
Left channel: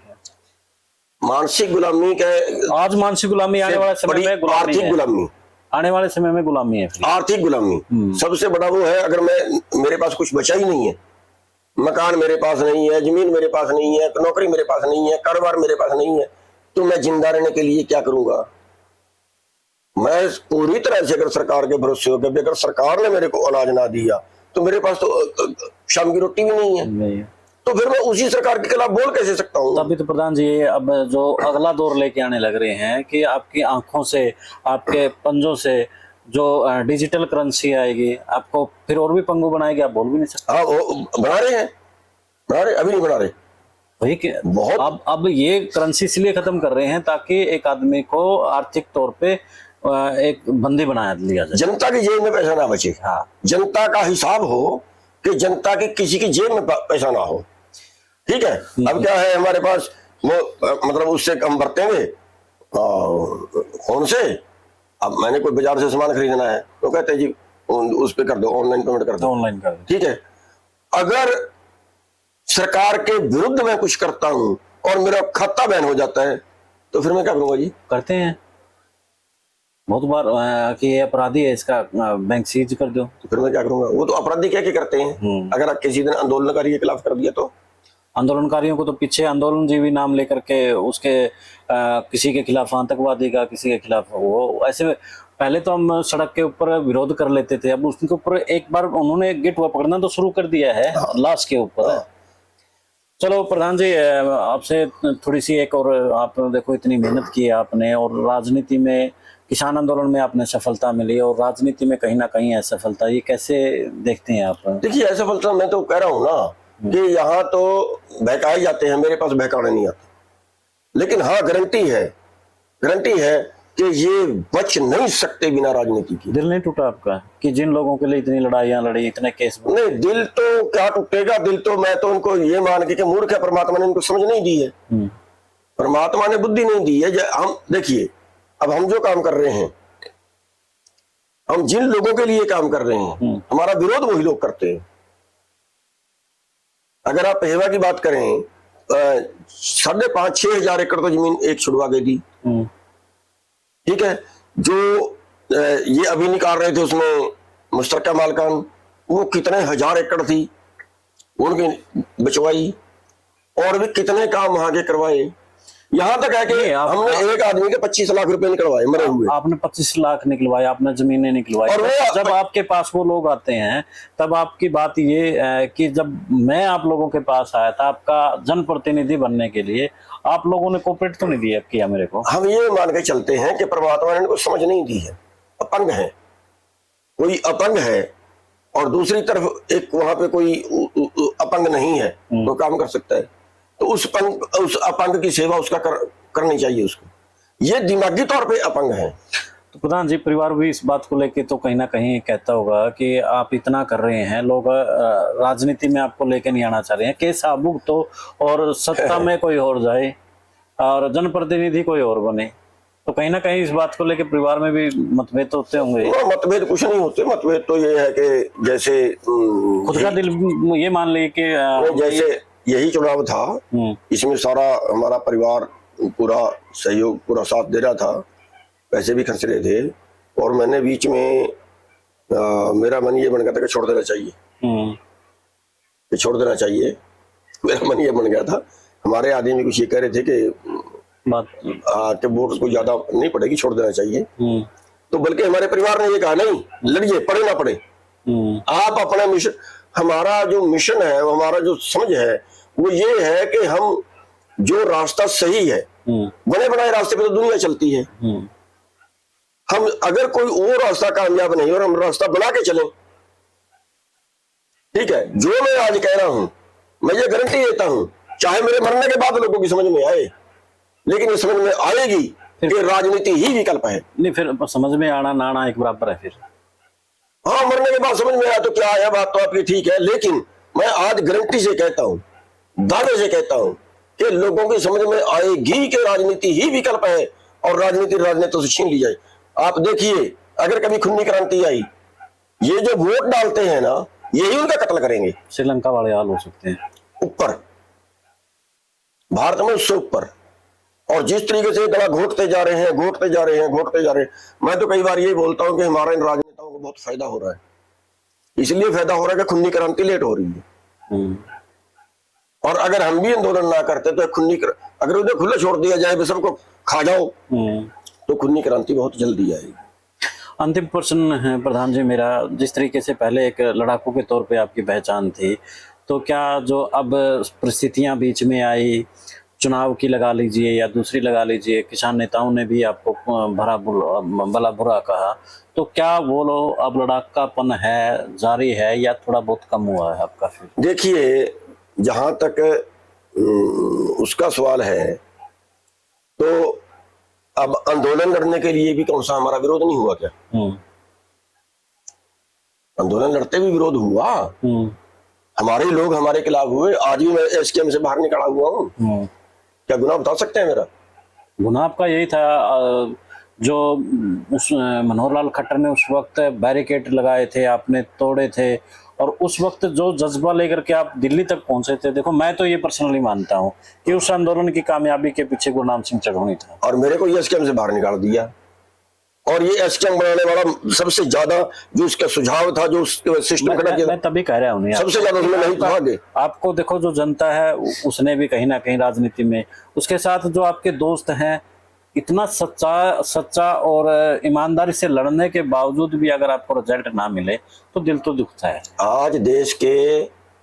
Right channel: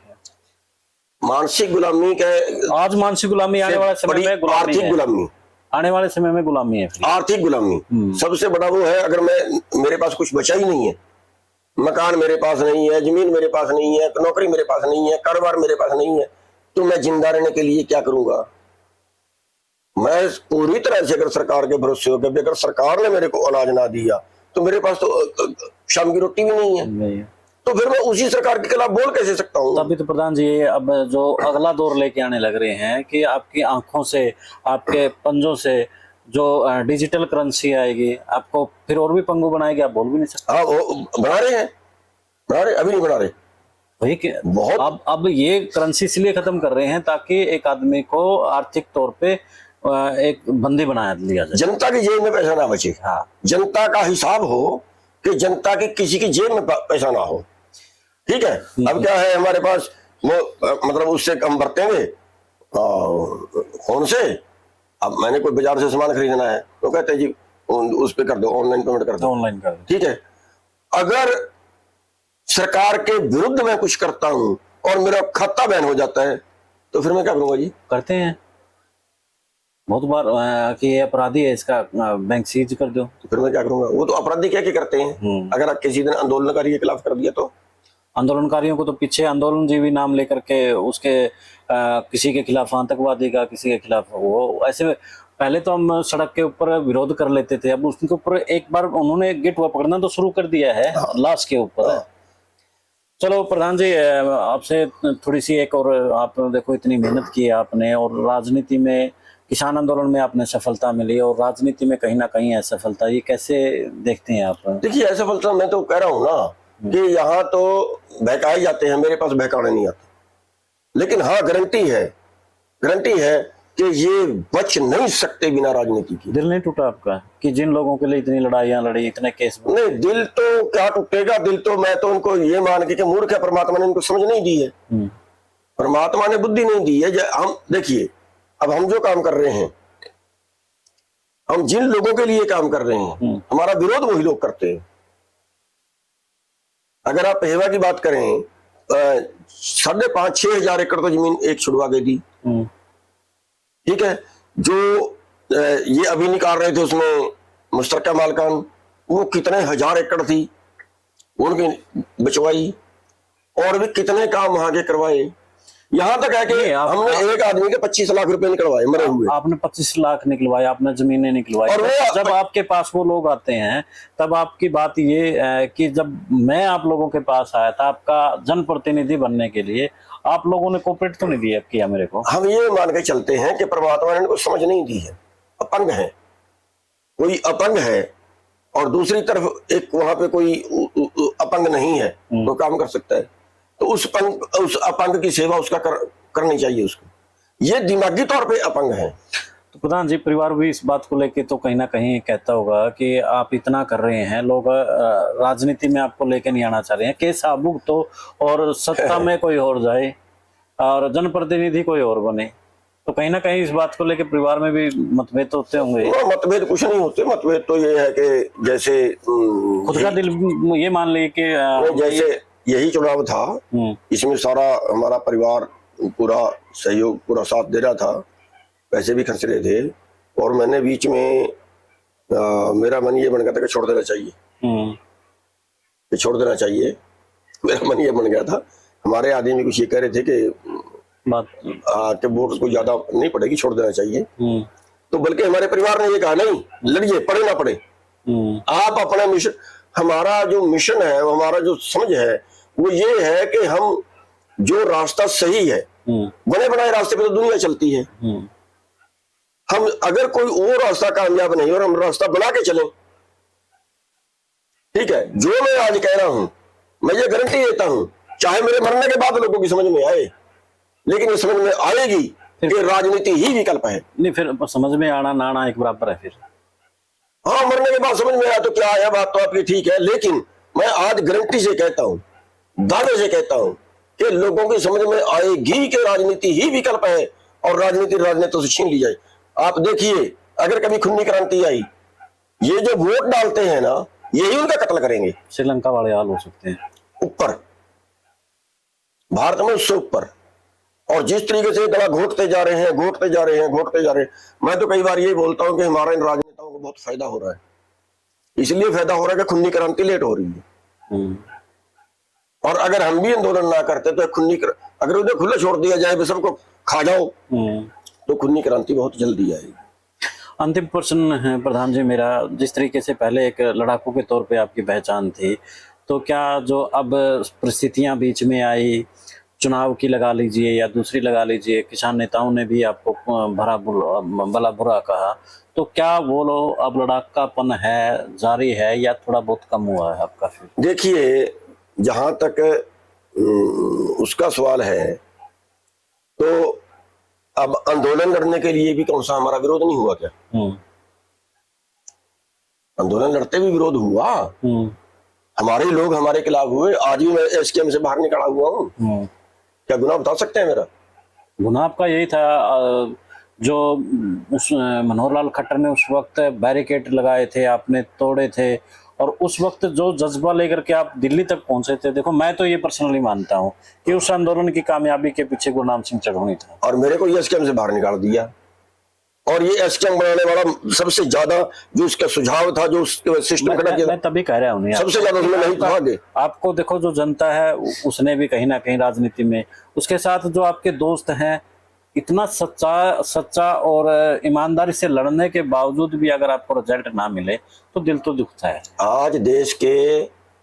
मानसिक गुलामी का आज मानसिक गुलामी, आने वाले समय में गुलामी आर्थिक है। गुलामी, आने वाले समय में गुलामी है फिर। आर्थिक गुलामी सबसे बड़ा वो है। अगर मेरे पास कुछ बचा ही नहीं है, मकान मेरे पास नहीं है, जमीन मेरे पास नहीं है, नौकरी मेरे पास नहीं है, कारोबार मेरे पास नहीं है, तो मैं जिंदा रहने के लिए क्या करूंगा? मैं पूरी तरह से अगर सरकार के भरोसे हो गया, अगर सरकार ने मेरे को अनाज ना दिया तो मेरे पास तो शाम की रोटी भी नहीं है, तो फिर मैं उसी सरकार के खिलाफ बोल कैसे सकता हूँ? अभी तो प्रधान जी अब जो अगला दौर लेके आने लग रहे हैं कि आपकी आंखों से, आपके पंजों से जो डिजिटल करेंसी आएगी, आपको फिर और भी पंगु बनाएगी, आप बोल भी नहीं सकते। हाँ, वो बना रहे हैं, बना रहे, अभी नहीं बना रहे। बहुत अब ये करेंसी इसलिए खत्म कर रहे हैं ताकि एक आदमी को आर्थिक तौर पे एक बंदी बना लिया जाए, जनता की जेब में पैसा ना बचे। हाँ, जनता का हिसाब हो कि जनता के किसी की जेब में पैसा ना हो। ठीक है, अब क्या है हमारे पास वो मतलब उससे कम भरते हुए फोन से, अब मैंने कोई बाजार से सामान खरीदना है तो कहते हैं जी उस पे कर दो, ऑनलाइन पेमेंट कर दो, ऑनलाइन कर दो। ठीक है, अगर सरकार के विरुद्ध मैं कुछ करता हूं और मेरा खाता बैन हो जाता है तो फिर मैं क्या करूंगा जी? करते हैं बहुत बार कि ये अपराधी है, इसका बैंक सीज कर दो, तो फिर मैं क्या करूंगा? वो तो अपराधी क्या करते हैं, अगर आप किसी ने आंदोलनकारी के खिलाफ कर दिया तो आंदोलनकारियों को तो पीछे आंदोलन जीवी नाम लेकर के उसके किसी के खिलाफ आतंकवादी का, किसी के खिलाफ वो ऐसे में पहले तो हम सड़क के ऊपर विरोध कर लेते थे, अब उसके ऊपर एक बार उन्होंने गेट वो पकड़ना तो शुरू कर दिया है लाश के ऊपर। चलो प्रधान जी, आपसे थोड़ी सी एक और, आपने देखो इतनी मेहनत की है आपने, और राजनीति में किसान आंदोलन में आपने सफलता मिली और राजनीति में कहीं ना कहीं असफलता, ये कैसे देखते हैं आप? देखिए असफलता मैं तो कह रहा हूँ ना कि यहाँ तो बहकाए जाते हैं, मेरे पास बहकाने नहीं आता, लेकिन हाँ गारंटी है कि ये बच नहीं सकते बिना राजनीति की। दिल नहीं टूटा आपका कि जिन लोगों के लिए इतनी लड़ाइयां लड़ी, इतने केस? नहीं, दिल तो क्या टूटेगा, दिल तो मैं तो उनको ये मान के मूर्ख है, परमात्मा ने उनको समझ नहीं दी है, परमात्मा ने बुद्धि नहीं दी है। हम देखिए, अब हम जो काम कर रहे हैं, हम जिन लोगों के लिए काम कर रहे हैं, हमारा विरोध वही लोग करते हैं। अगर आप पेशवा की बात करें, 5,500-6 हजार एकड़ तो जमीन एक छुड़वा के दी, ठीक है, जो ये अभी निकाल रहे थे उसमें मुश्तरका मालकान, वो कितने हजार एकड़ थी उनकी बचवाई, और भी कितने काम वहां के करवाए। यहाँ तक है कि हमने एक आदमी के 25 लाख रुपए निकलवाए मरे हुए। आपने 25 लाख निकलवाई, आपने जमीनें निकलवाई। और जब आपके पास वो लोग आते हैं तब आपकी बात ये है कि जब मैं आप लोगों के पास आया था आपका जनप्रतिनिधि बनने के लिए, आप लोगों ने कोऑपरेट तो नहीं दिया किया मेरे को। हम ये मान के चलते हैं कि परमात्मा ने इनको समझ नहीं दी है, अपंग है, कोई अपंग है और दूसरी तरफ एक वहां पे कोई अपंग नहीं है तो काम कर सकता है, तो उस अपंग की सेवा उसका करनी चाहिए उसको। ये दिमागी तौर पे अपंग है। तो प्रधान जी, परिवार भी इस बात को लेके तो कहीं ना कहीं कहता होगा कि आप इतना कर रहे हैं, लोग राजनीति में आपको लेके नहीं आना चाह रहे हैं कि साबुक तो, और सत्ता में कोई और जाए और जनप्रतिनिधि कोई और बने, तो कहीं ना कहीं इस बात को लेके परिवार में भी मतभेद होते होंगे। मतभेद कुछ नहीं होते, मतभेद तो ये है कि जैसे खुद का दिल ये मान ले कि जैसे यही चुनाव था, इसमें सारा हमारा परिवार पूरा सहयोग, पूरा साथ दे रहा था, पैसे भी खर्च रहे थे, और मैंने बीच में मेरा मन ये बन गया था कि छोड़ देना चाहिए, छोड़ देना चाहिए, मेरा मन ये बन गया था। हमारे आदमी कुछ ये कह रहे थे कि वोट को ज्यादा नहीं पड़ेगी, छोड़ देना चाहिए, तो बल्कि हमारे परिवार ने ये कहा नहीं, लड़िए, पड़े ना पड़े, आप अपने मिशन, हमारा जो मिशन है, हमारा जो समझ है वो ये है कि हम जो रास्ता सही है, बने बनाए रास्ते पे तो दुनिया चलती है, हम अगर कोई और रास्ता कामयाब नहीं और हम रास्ता बना के चले, ठीक है, जो मैं आज कह रहा हूं मैं ये गारंटी देता हूं, चाहे मेरे मरने के बाद लोगों की समझ में आए, लेकिन ये समझ में आएगी कि राजनीति ही विकल्प है। नहीं, फिर समझ में आना ना आना एक बराबर है। फिर हाँ, मरने के बाद समझ में आया तो क्या है, बात तो आपकी ठीक है, लेकिन मैं आज गारंटी से कहता हूं, दावे से कहता हूं कि लोगों की समझ में आएगी कि राजनीति ही विकल्प है और राजनीति से छीन ली जाए। आप देखिए, अगर कभी खूनी क्रांति आई, ये जो वोट डालते हैं ना, यही उनका कत्ल करेंगे। श्रीलंका वाले हाल हो सकते हैं। ऊपर भारत में उससे ऊपर, और जिस तरीके से दवा घोटते जा रहे हैं, घोटते जा रहे हैं, घोटते जा रहे हैं। मैं तो कई बार ये बोलता हूं कि हमारे इन राजनेताओं को बहुत फायदा हो रहा है। इसलिए फायदा हो रहा है कि खूनी क्रांति लेट हो रही है। और अगर हम भी आंदोलन ना करते तो अगर उन्हें खुले छोड़ दिया जाए, बस सबको खा जाओ, तो खूनी क्रांति बहुत जल्दी आएगी। अंतिम प्रश्न है प्रधान जी मेरा, जिस तरीके से पहले एक लड़ाकू के तौर पे आपकी पहचान थी, तो क्या जो अब परिस्थितियां बीच में आई, चुनाव की लगा लीजिए या दूसरी लगा लीजिए, किसान नेताओं ने भी आपको भला बुरा कहा, तो क्या वो लोग अब लड़ाकापन है जारी है या थोड़ा बहुत कम हुआ है आपका? देखिए, जहां तक उसका सवाल है, तो अब आंदोलन लड़ने के लिए भी कौन सा हमारा विरोध नहीं हुआ क्या? आंदोलन लड़ते भी विरोध हुआ। हमारे लोग हमारे खिलाफ हुए। आज ही मैं एसकेएम से बाहर निकला हुआ हूँ। क्या गुनाह बता सकते हैं मेरा? गुनाह आपका यही था, जो उस मनोहर लाल खट्टर ने उस वक्त बैरिकेड लगाए थे, आपने तोड़े थे, और उस वक्त जो जज्बा लेकर के आप दिल्ली तक पहुंचे थे। देखो, मैं तो ये पर्सनली मानता हूँ कि उस आंदोलन की कामयाबी के पीछे गुरनाम सिंह चढ़ूनी था। और मेरे को एसकेएम से बाहर निकाल दिया। और ये एसकेएम बनाने वाला सबसे ज्यादा जो उसका सुझाव था, जो सिस्टम मैं तभी कह रहा हूँ सबसे ज्यादा उसमें नहीं कहा दे। आपको देखो, जो जनता है उसने भी कहीं ना कहीं राजनीति में उसके साथ जो आपके दोस्त हैं, इतना सच्चा और ईमानदारी से लड़ने के बावजूद भी अगर आपको रिजल्ट ना मिले तो दिल तो दुखता है। आज देश के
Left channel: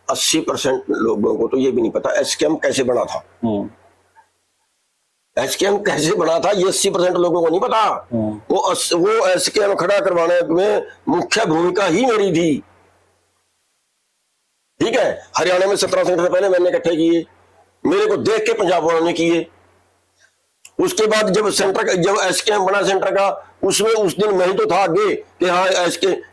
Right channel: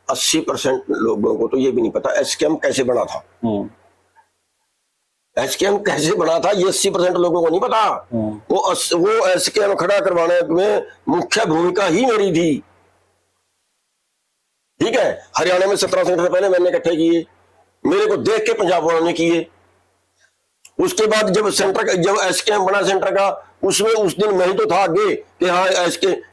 80% लोगों को तो ये भी नहीं पता एसकेएम कैसे बना था। एसकेएम कैसे बना था ये 80% लोगों को नहीं पता। वो एसकेएम खड़ा करवाने में मुख्य भूमिका ही मेरी थी। ठीक है, हरियाणा में 17 संगठन पहले मैंने इकट्ठे किए, मेरे को देख के पंजाब वालों ने किए। उसके बाद जब एसकेएम बना सेंटर का, उसमें उस दिन मेरी तो था भी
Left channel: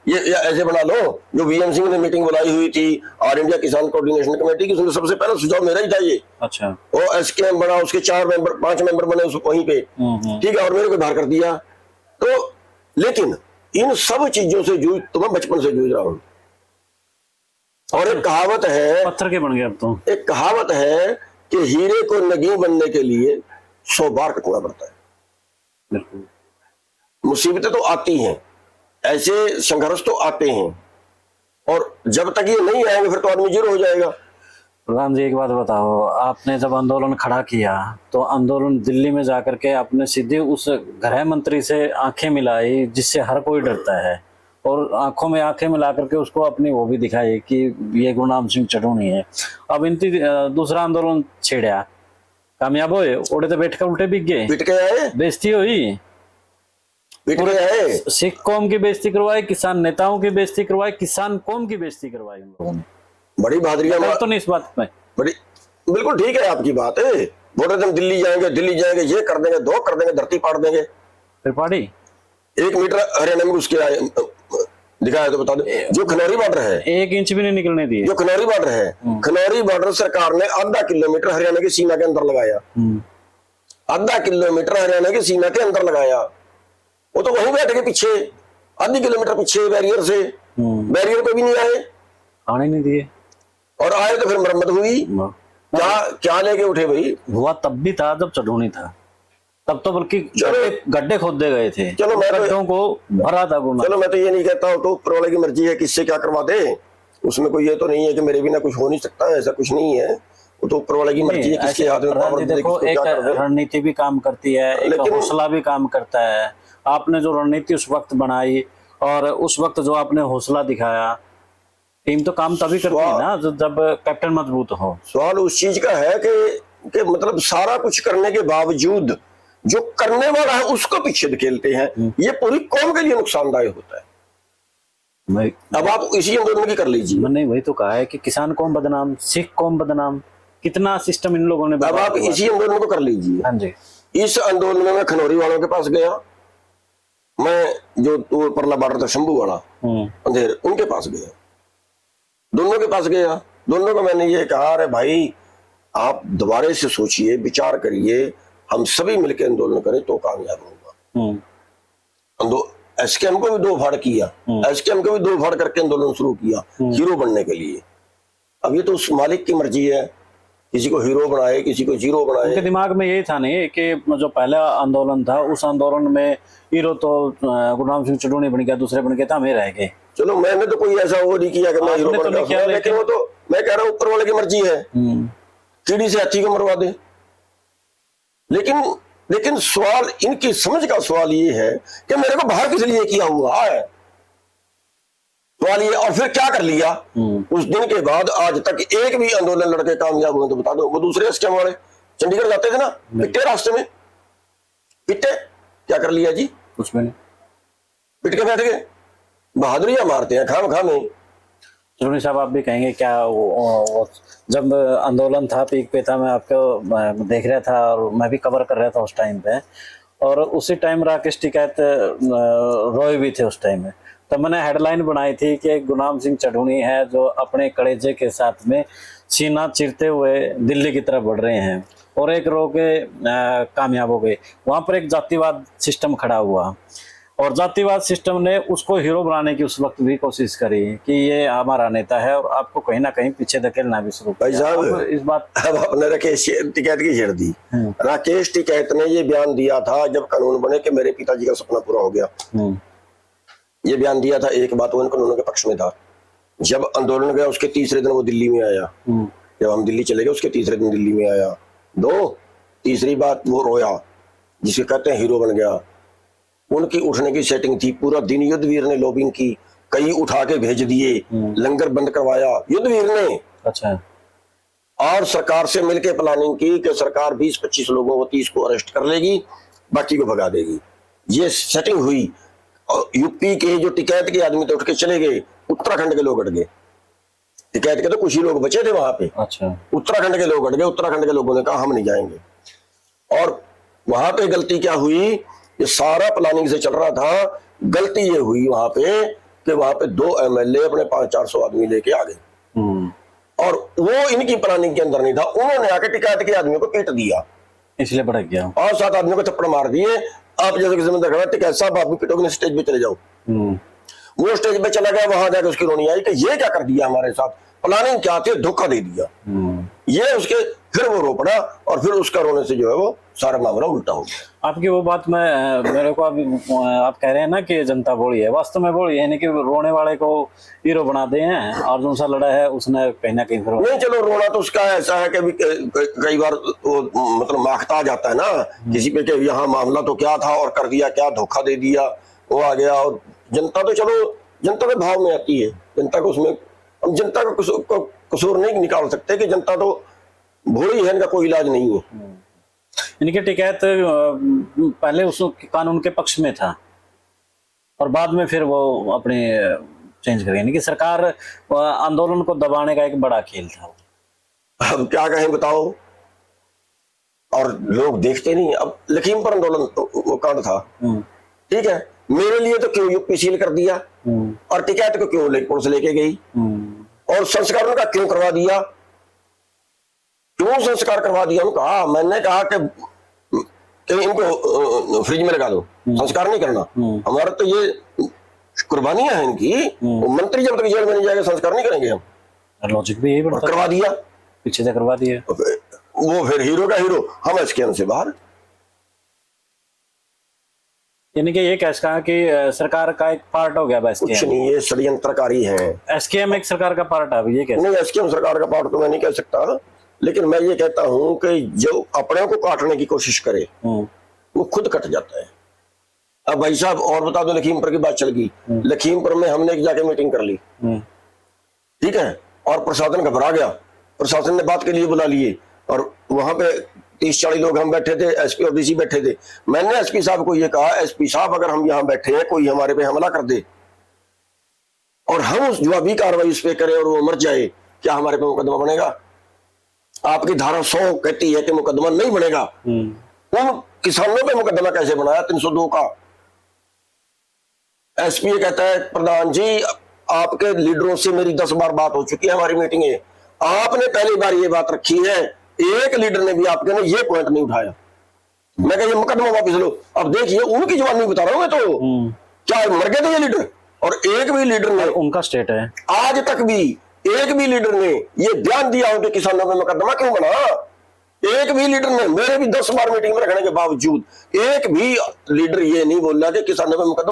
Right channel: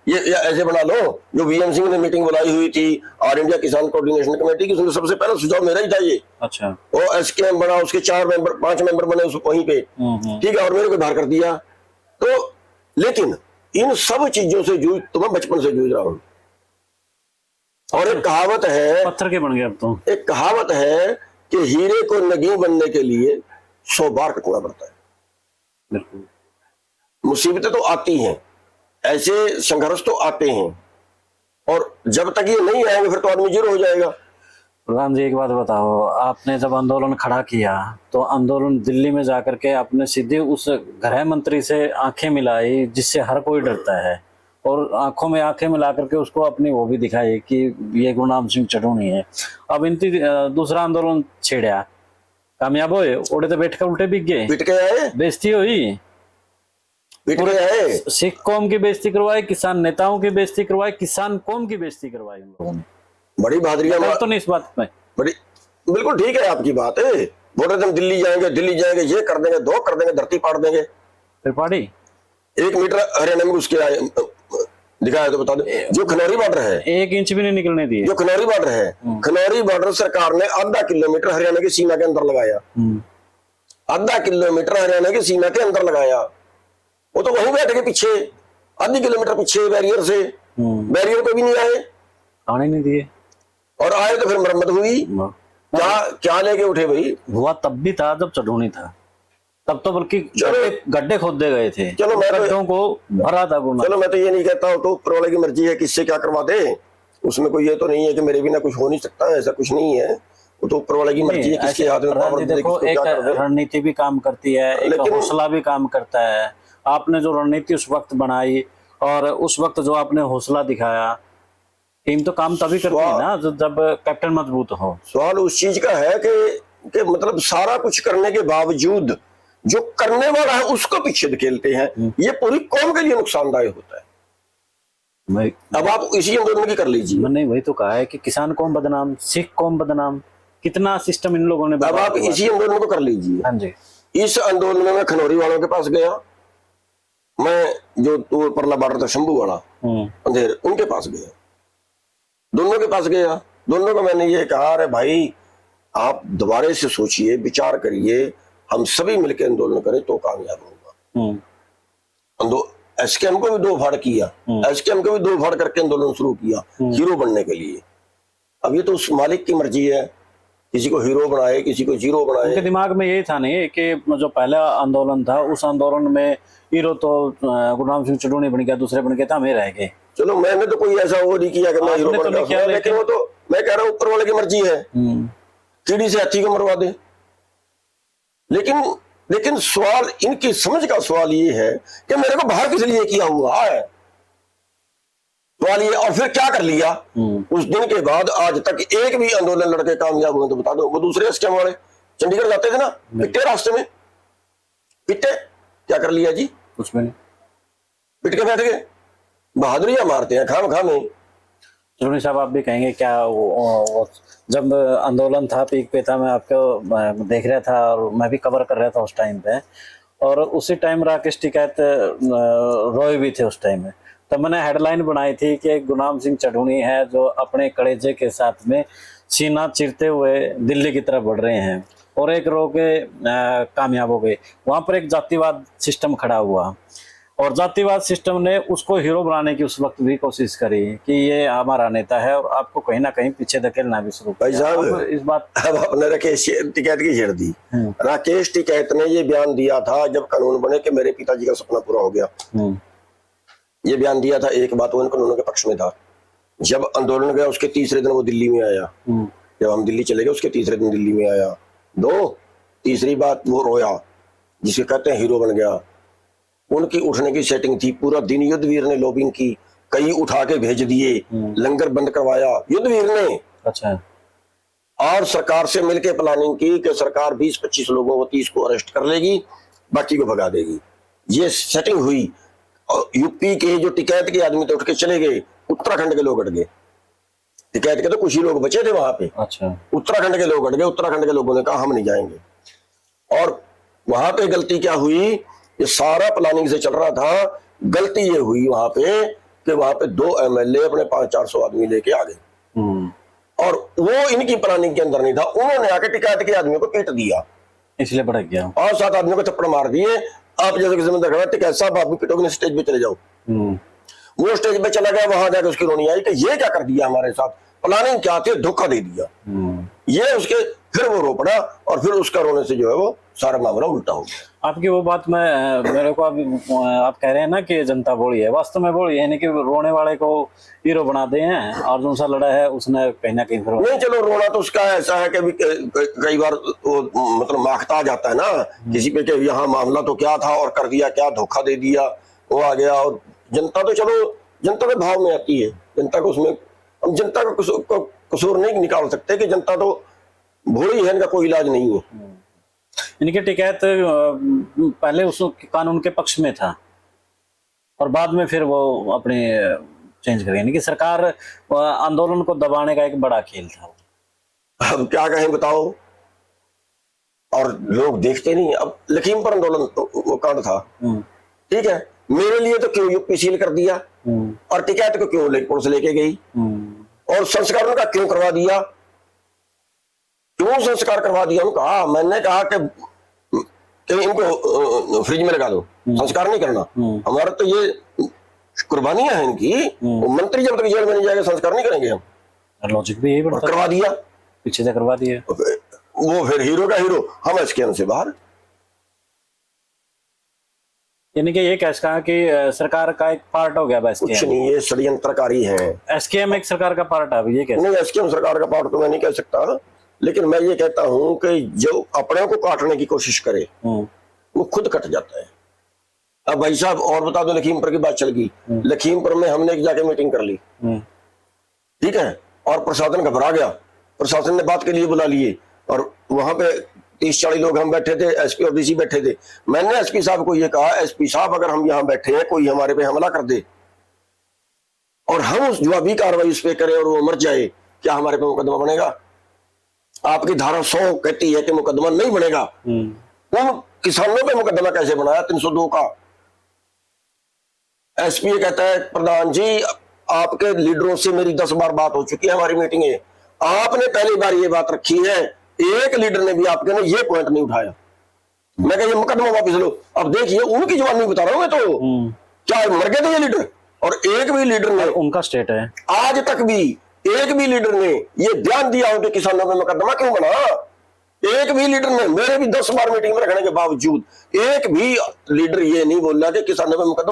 ये ऐसे बना लो। जो वीएम सिंह ने मीटिंग बुलाई हुई थी ऑल इंडिया किसान कोऑर्डिनेशन कमेटी की, उसमें सबसे पहले सुझाव मेरा ही था ये। अच्छा, वो एसकेएम बना, उसके 5 मेंबर बने वहीं पे। ठीक है, और मेरे को बाहर कर दिया। तो लेकिन इन सब चीजों से जूझ तो मैं बचपन से जूझ रहा हूँ। और एक कहावत है, पत्थर के बन गया अब तुम। एक कहावत है कि हीरे को नगी बनने के लिए 100 बार कटना पड़ता है। मुसीबतें तो आती हैं, ऐसे संघर्ष तो आते हैं, और जब तक ये नहीं आएंगे फिर तो आदमी जीरो हो जाएगा। प्रधान जी, एक बात बताओ, आपने जब आंदोलन खड़ा किया तो आंदोलन दिल्ली में जाकर के आपने सीधे उस गृह मंत्री से आंखें मिलाई, जिससे हर कोई डरता है, और आंखों में आंखें मिला करके उसको अपनी वो भी दिखाई कि ये गुरनाम सिंह चढ़ूनी है। अब इनकी दूसरा आंदोलन छेड़ा, कामयाब हुए, ओढ़े तो बैठ कर उल्टे बिक गए, पिट के आए, बेइज्जती हुई, पिट के आए। सिख कौम की बेइज्जती करवाई, किसान नेताओं की बेइज्जती करवाई, किसान कौम की बेइज्जती करवाई। बड़ी बहादुरी है तो नहीं इस बात में बड़ी, बिल्कुल ठीक है आपकी बात है। बोले तुम दिल्ली जाएंगे, ये कर देंगे, दो कर देंगे, धरती पाड़ देंगे। त्रिपाठी 1 मीटर हरियाणा में उसके आए दिखाया तो बता दो। जो खनौरी बॉर्डर है, 1 इंच भी नहीं निकलने दिए। जो खनौरी बॉर्डर है, खनौरी बॉर्डर सरकार ने आधा किलोमीटर हरियाणा की सीमा के अंदर लगाया। आधा किलोमीटर हरियाणा की सीमा के अंदर लगाया। वो तो वहीं बैठ के पीछे, आधे किलोमीटर पीछे बैरियर से, बैरियर को भी नहीं आए, आने नहीं दिए, और आए तो फिर मरम्मत हुई। क्या लेके उठे भाई? हुआ तब भी था जब चढ़ूनी था, तब तो बल्कि गड्ढे खोदे गए थे। चलो भरा था बोला। चलो मैं तो ये नहीं कहता तो ऊपर वाले की मर्जी है, किससे क्या करवा दे, उसमें कोई ये तो नहीं है कि मेरे बिना कुछ हो नहीं सकता, ऐसा कुछ नहीं है। वो तो ऊपर वाले की मर्जी है, किसके हाथ में पावर दे, देखो, एक रणनीति भी काम करती है, एक हौसला भी काम करता है। आपने जो रणनीति उस वक्त बनाई और उस वक्त जो आपने हौसला दिखाया, टीम तो काम तभी करती है ना जब कैप्टन मजबूत हो। सवाल उस चीज का है कि मतलब सारा कुछ करने के बावजूद जो करने वाला है उसको पीछे धकेलते हैं, ये पूरी कौम के लिए नुकसानदायक होता है। अब आप इसी आंदोलन की कर लीजिए। मैंने वही तो कहा है कि किसान कौम बदनाम, सिख कौम बदनाम, कितना सिस्टम इन लोगों ने। अब आप इसी आंदोलन को कर लीजिए। हाँ जी, इस आंदोलन में खनौरी वालों के पास गया मैं, जो परला बॉर्डर था शंभू वाला अंधेर, उनके पास गया, दोनों के पास गया। दोनों को मैंने ये कहा, अरे भाई आप दोबारा से सोचिए, विचार करिए, हम सभी मिलकर आंदोलन करें तो कामयाब होगा। एसकेएम को भी दो फाड़ किया, एसकेएम को भी दो फाड़ करके आंदोलन शुरू किया हीरो बनने के लिए। अब ये तो उस मालिक की मर्जी है, किसी को हीरो बनाए, किसी को जीरो उनके बनाए। दिमाग में ये था नहीं कि जो पहले आंदोलन था उस आंदोलन में हीरो तो गुरनाम सिंह चढ़ूनी बन गया, दूसरे बन गए तो हमें रह गए। चलो मैंने तो कोई ऐसा वो नहीं किया कि मैं हीरो आपने तो बन नहीं गया, किया, लेकिन वो तो मैं कह रहा हूँ ऊपर वाले की मर्जी है, कीड़ी से हाथी को मरवा दे। लेकिन सवाल, इनकी समझ का सवाल ये है कि मेरे को बाहर किस लिए किया हुआ है, सवाल ये। और फिर क्या कर लिया उस दिन के बाद आज तक एक भी आंदोलन लड़के कामयाब हुआ तो बता दो। वो दूसरे रास्ते वाले चंडीगढ़ जाते थे ना, पिटे रास्ते में, पिटे क्या कर लिया जी, कुछ नहीं, पिट के बैठ गए। बहादुरियां मारते हैं खाम खामे। चढ़ूनी साहब आप भी कहेंगे क्या वो जब आंदोलन था पीक पे था, मैं देख रहा था और मैं भी कवर कर रहा था उस टाइम पे, और उसी टाइम राकेश टिकैत रोए भी थे उस टाइम में। तो मैंने हेडलाइन बनाई थी कि गुरनाम सिंह चढ़ूनी है जो अपने कलेजे के साथ में सीना चीरते हुए दिल्ली की तरफ बढ़ रहे हैं, और एक रो के कामयाब हो गए। वहां पर एक जातिवाद सिस्टम खड़ा हुआ, और जातिवाद सिस्टम ने उसको हीरो बनाने की उस वक्त भी कोशिश करी कि ये हमारा नेता है, और आपको कहीं ना कहीं पीछे धकेलना भी शुरू भाई साहब किया। इस बात अब आपने राकेश टिकैत की छेड़ दी। राकेश टिकैत ने ये बयान दिया था जब कानून बने कि मेरे पिताजी का सपना पूरा हो गया, ये बयान दिया था। एक बात वो कानून के पक्ष में था। जब आंदोलन गया उसके तीसरे दिन वो दिल्ली में आया, जब हम दिल्ली चले गए उसके तीसरे दिन दिल्ली में आया। दो, तीसरी बात वो रोया, जिसे कहते हैं हीरो बन गया। उनकी उठने की सेटिंग थी, पूरा दिन युद्धवीर ने लॉबिंग की, कई उठा के भेज दिए, लंगर बंद करवाया युद्धवीर ने। अच्छा, और सरकार से मिलकर प्लानिंग की कि सरकार 20-25 लोगों को 30 को अरेस्ट कर लेगी, बाकी को भगा देगी। ये सेटिंग हुई। और यूपी के जो टिकैत के आदमी उठ के चले गए, उत्तराखंड के लोग हट गए। टिकैत के तो कुछ ही लोग बचे थे वहां पे, अच्छा, उत्तराखंड के लोग हट गए। उत्तराखंड के लोगों ने कहा हम नहीं जाएंगे। और वहां पे गलती क्या हुई, ये सारा प्लानिंग से चल रहा था। गलती ये हुई वहां पे कि वहां पे 2 एमएलए अपने 500-400 आदमी लेके आ गए, और वो इनकी प्लानिंग के अंदर नहीं था। उन्होंने आके टिकैत के आदमियों को पीट दिया, इसलिए भड़क गया। और 7 आदमियों को थप्पड़ मार दिए। आप जैसे किसी में देखा टिकैत साहब आप भी पिटोगे, स्टेज पे चले जाओ। वो स्टेज पे चला गया, वहां जाकर उसकी रोनी आई कि ये क्या कर दिया हमारे साथ, प्लानिंग क्या थी, धोखा दे दिया। ये उसके फिर वो रो पड़ा, और फिर उसका रोने से जो है वो सारा मामला उल्टा हो गया। आपकी वो बात में मेरे को अभी आप कह रहे हैं ना कि जनता बोली है, वास्तव में बोली है नहीं कि रोने वाले को हीरो बनाते हैं, और जो सा लड़ा है उसने कहीं ना कहीं नहीं, चलो रोना तो उसका ऐसा है कि कई बार वो मतलब महकता जाता है ना किसी पे कि यहाँ मामला तो क्या था और कर दिया क्या, धोखा दे दिया, वो आ गया। और जनता तो चलो जनता के भाव में आती है, जनता को उसमें हम जनता का कसूर नहीं निकाल सकते कि जनता तो भोली है, इनका कोई इलाज नहीं है। इनके टिकैत पहले उस कानून के पक्ष में था, और बाद में फिर वो अपने चेंज कर गए कि सरकार आंदोलन को दबाने का एक बड़ा खेल था। अब क्या कहें बताओ, और लोग देखते नहीं। अब लखीमपुर आंदोलन कांड था, ठीक है, मेरे लिए तो क्यों यूपी सील कर दिया, और टिकैत को क्यों पुलिस लेके गई, और संस्करण का क्यों करवा दिया, क्यों संस्कार करवा दिया। कहा मैंने कहा कि इनको फ्रिज में लगा दो, संस्कार नहीं करना। हमारे तो ये कुर्बानियां हैं इनकी। मंत्री जब जेल में जाएंगे संस्कार नहीं करेंगे हम, लॉजिक भी यही बढ़ता करवा दिया, पीछे से करवा दिया। वो फिर हीरो का हीरो, हम इसके से बाहर। यानी कि ये कैसे कहा कि सरकार का एक पार्ट हो गया बस, कुछ नहीं, ये षड्यंत्रकारी है। एसकेएम एक सरकार का पार्ट है, ये कैसे? नहीं, एसकेएम सरकार का पार्ट तो मैं नहीं कह सकता, लेकिन मैं ये कहता हूं कि जो अपने को काटने की कोशिश करे वो खुद कट जाता है। अब भाई साहब और बता दो, लखीमपुर की बात चल गई, लखीमपुर में हमने एक जाके मीटिंग कर ली, ठीक है, और प्रशासन घबरा गया। प्रशासन ने बात के लिए बुला लिए, और वहां पे 30-40 लोग हम बैठे थे, एसपी और डीसी बैठे थे। मैंने एसपी साहब को ये कहा, एसपी साहब अगर हम यहाँ बैठे हैं, कोई हमारे पे हमला कर दे और हम जवाबी कार्रवाई उस पे करें और वो मर जाए, क्या हमारे पे मुकदमा बनेगा? आपकी धारा 100 कहती है कि मुकदमा नहीं बनेगा, फिर किसानों का मुकदमा कैसे बनाया 302 का? एसपी कहता है प्रधान जी आपके लीडरों से मेरी 10 बार बात हो चुकी है, हमारी मीटिंग है, आपने पहली बार ये बात रखी है, एक लीडर ने भी आपके ने ये पॉइंट नहीं उठाया। मैं कहा ये मुकदमा वापिस लो। अब देखिए उनकी जवाब नहीं बता रहा हूँ मैं तो, चाहे मर गए थे ये लीडर, और एक भी लीडर ने उनका स्टेट है, आज तक भी एक भी लीडर ने ये बयान दिया हो कि किसानों पर मुकदमा क्यों बना, एक भी लीडर ने, मेरे भी 10 बार मीटिंग में रखने के बावजूद एक भी लीडर ये नहीं बोला कि किसानों पर मुकदमा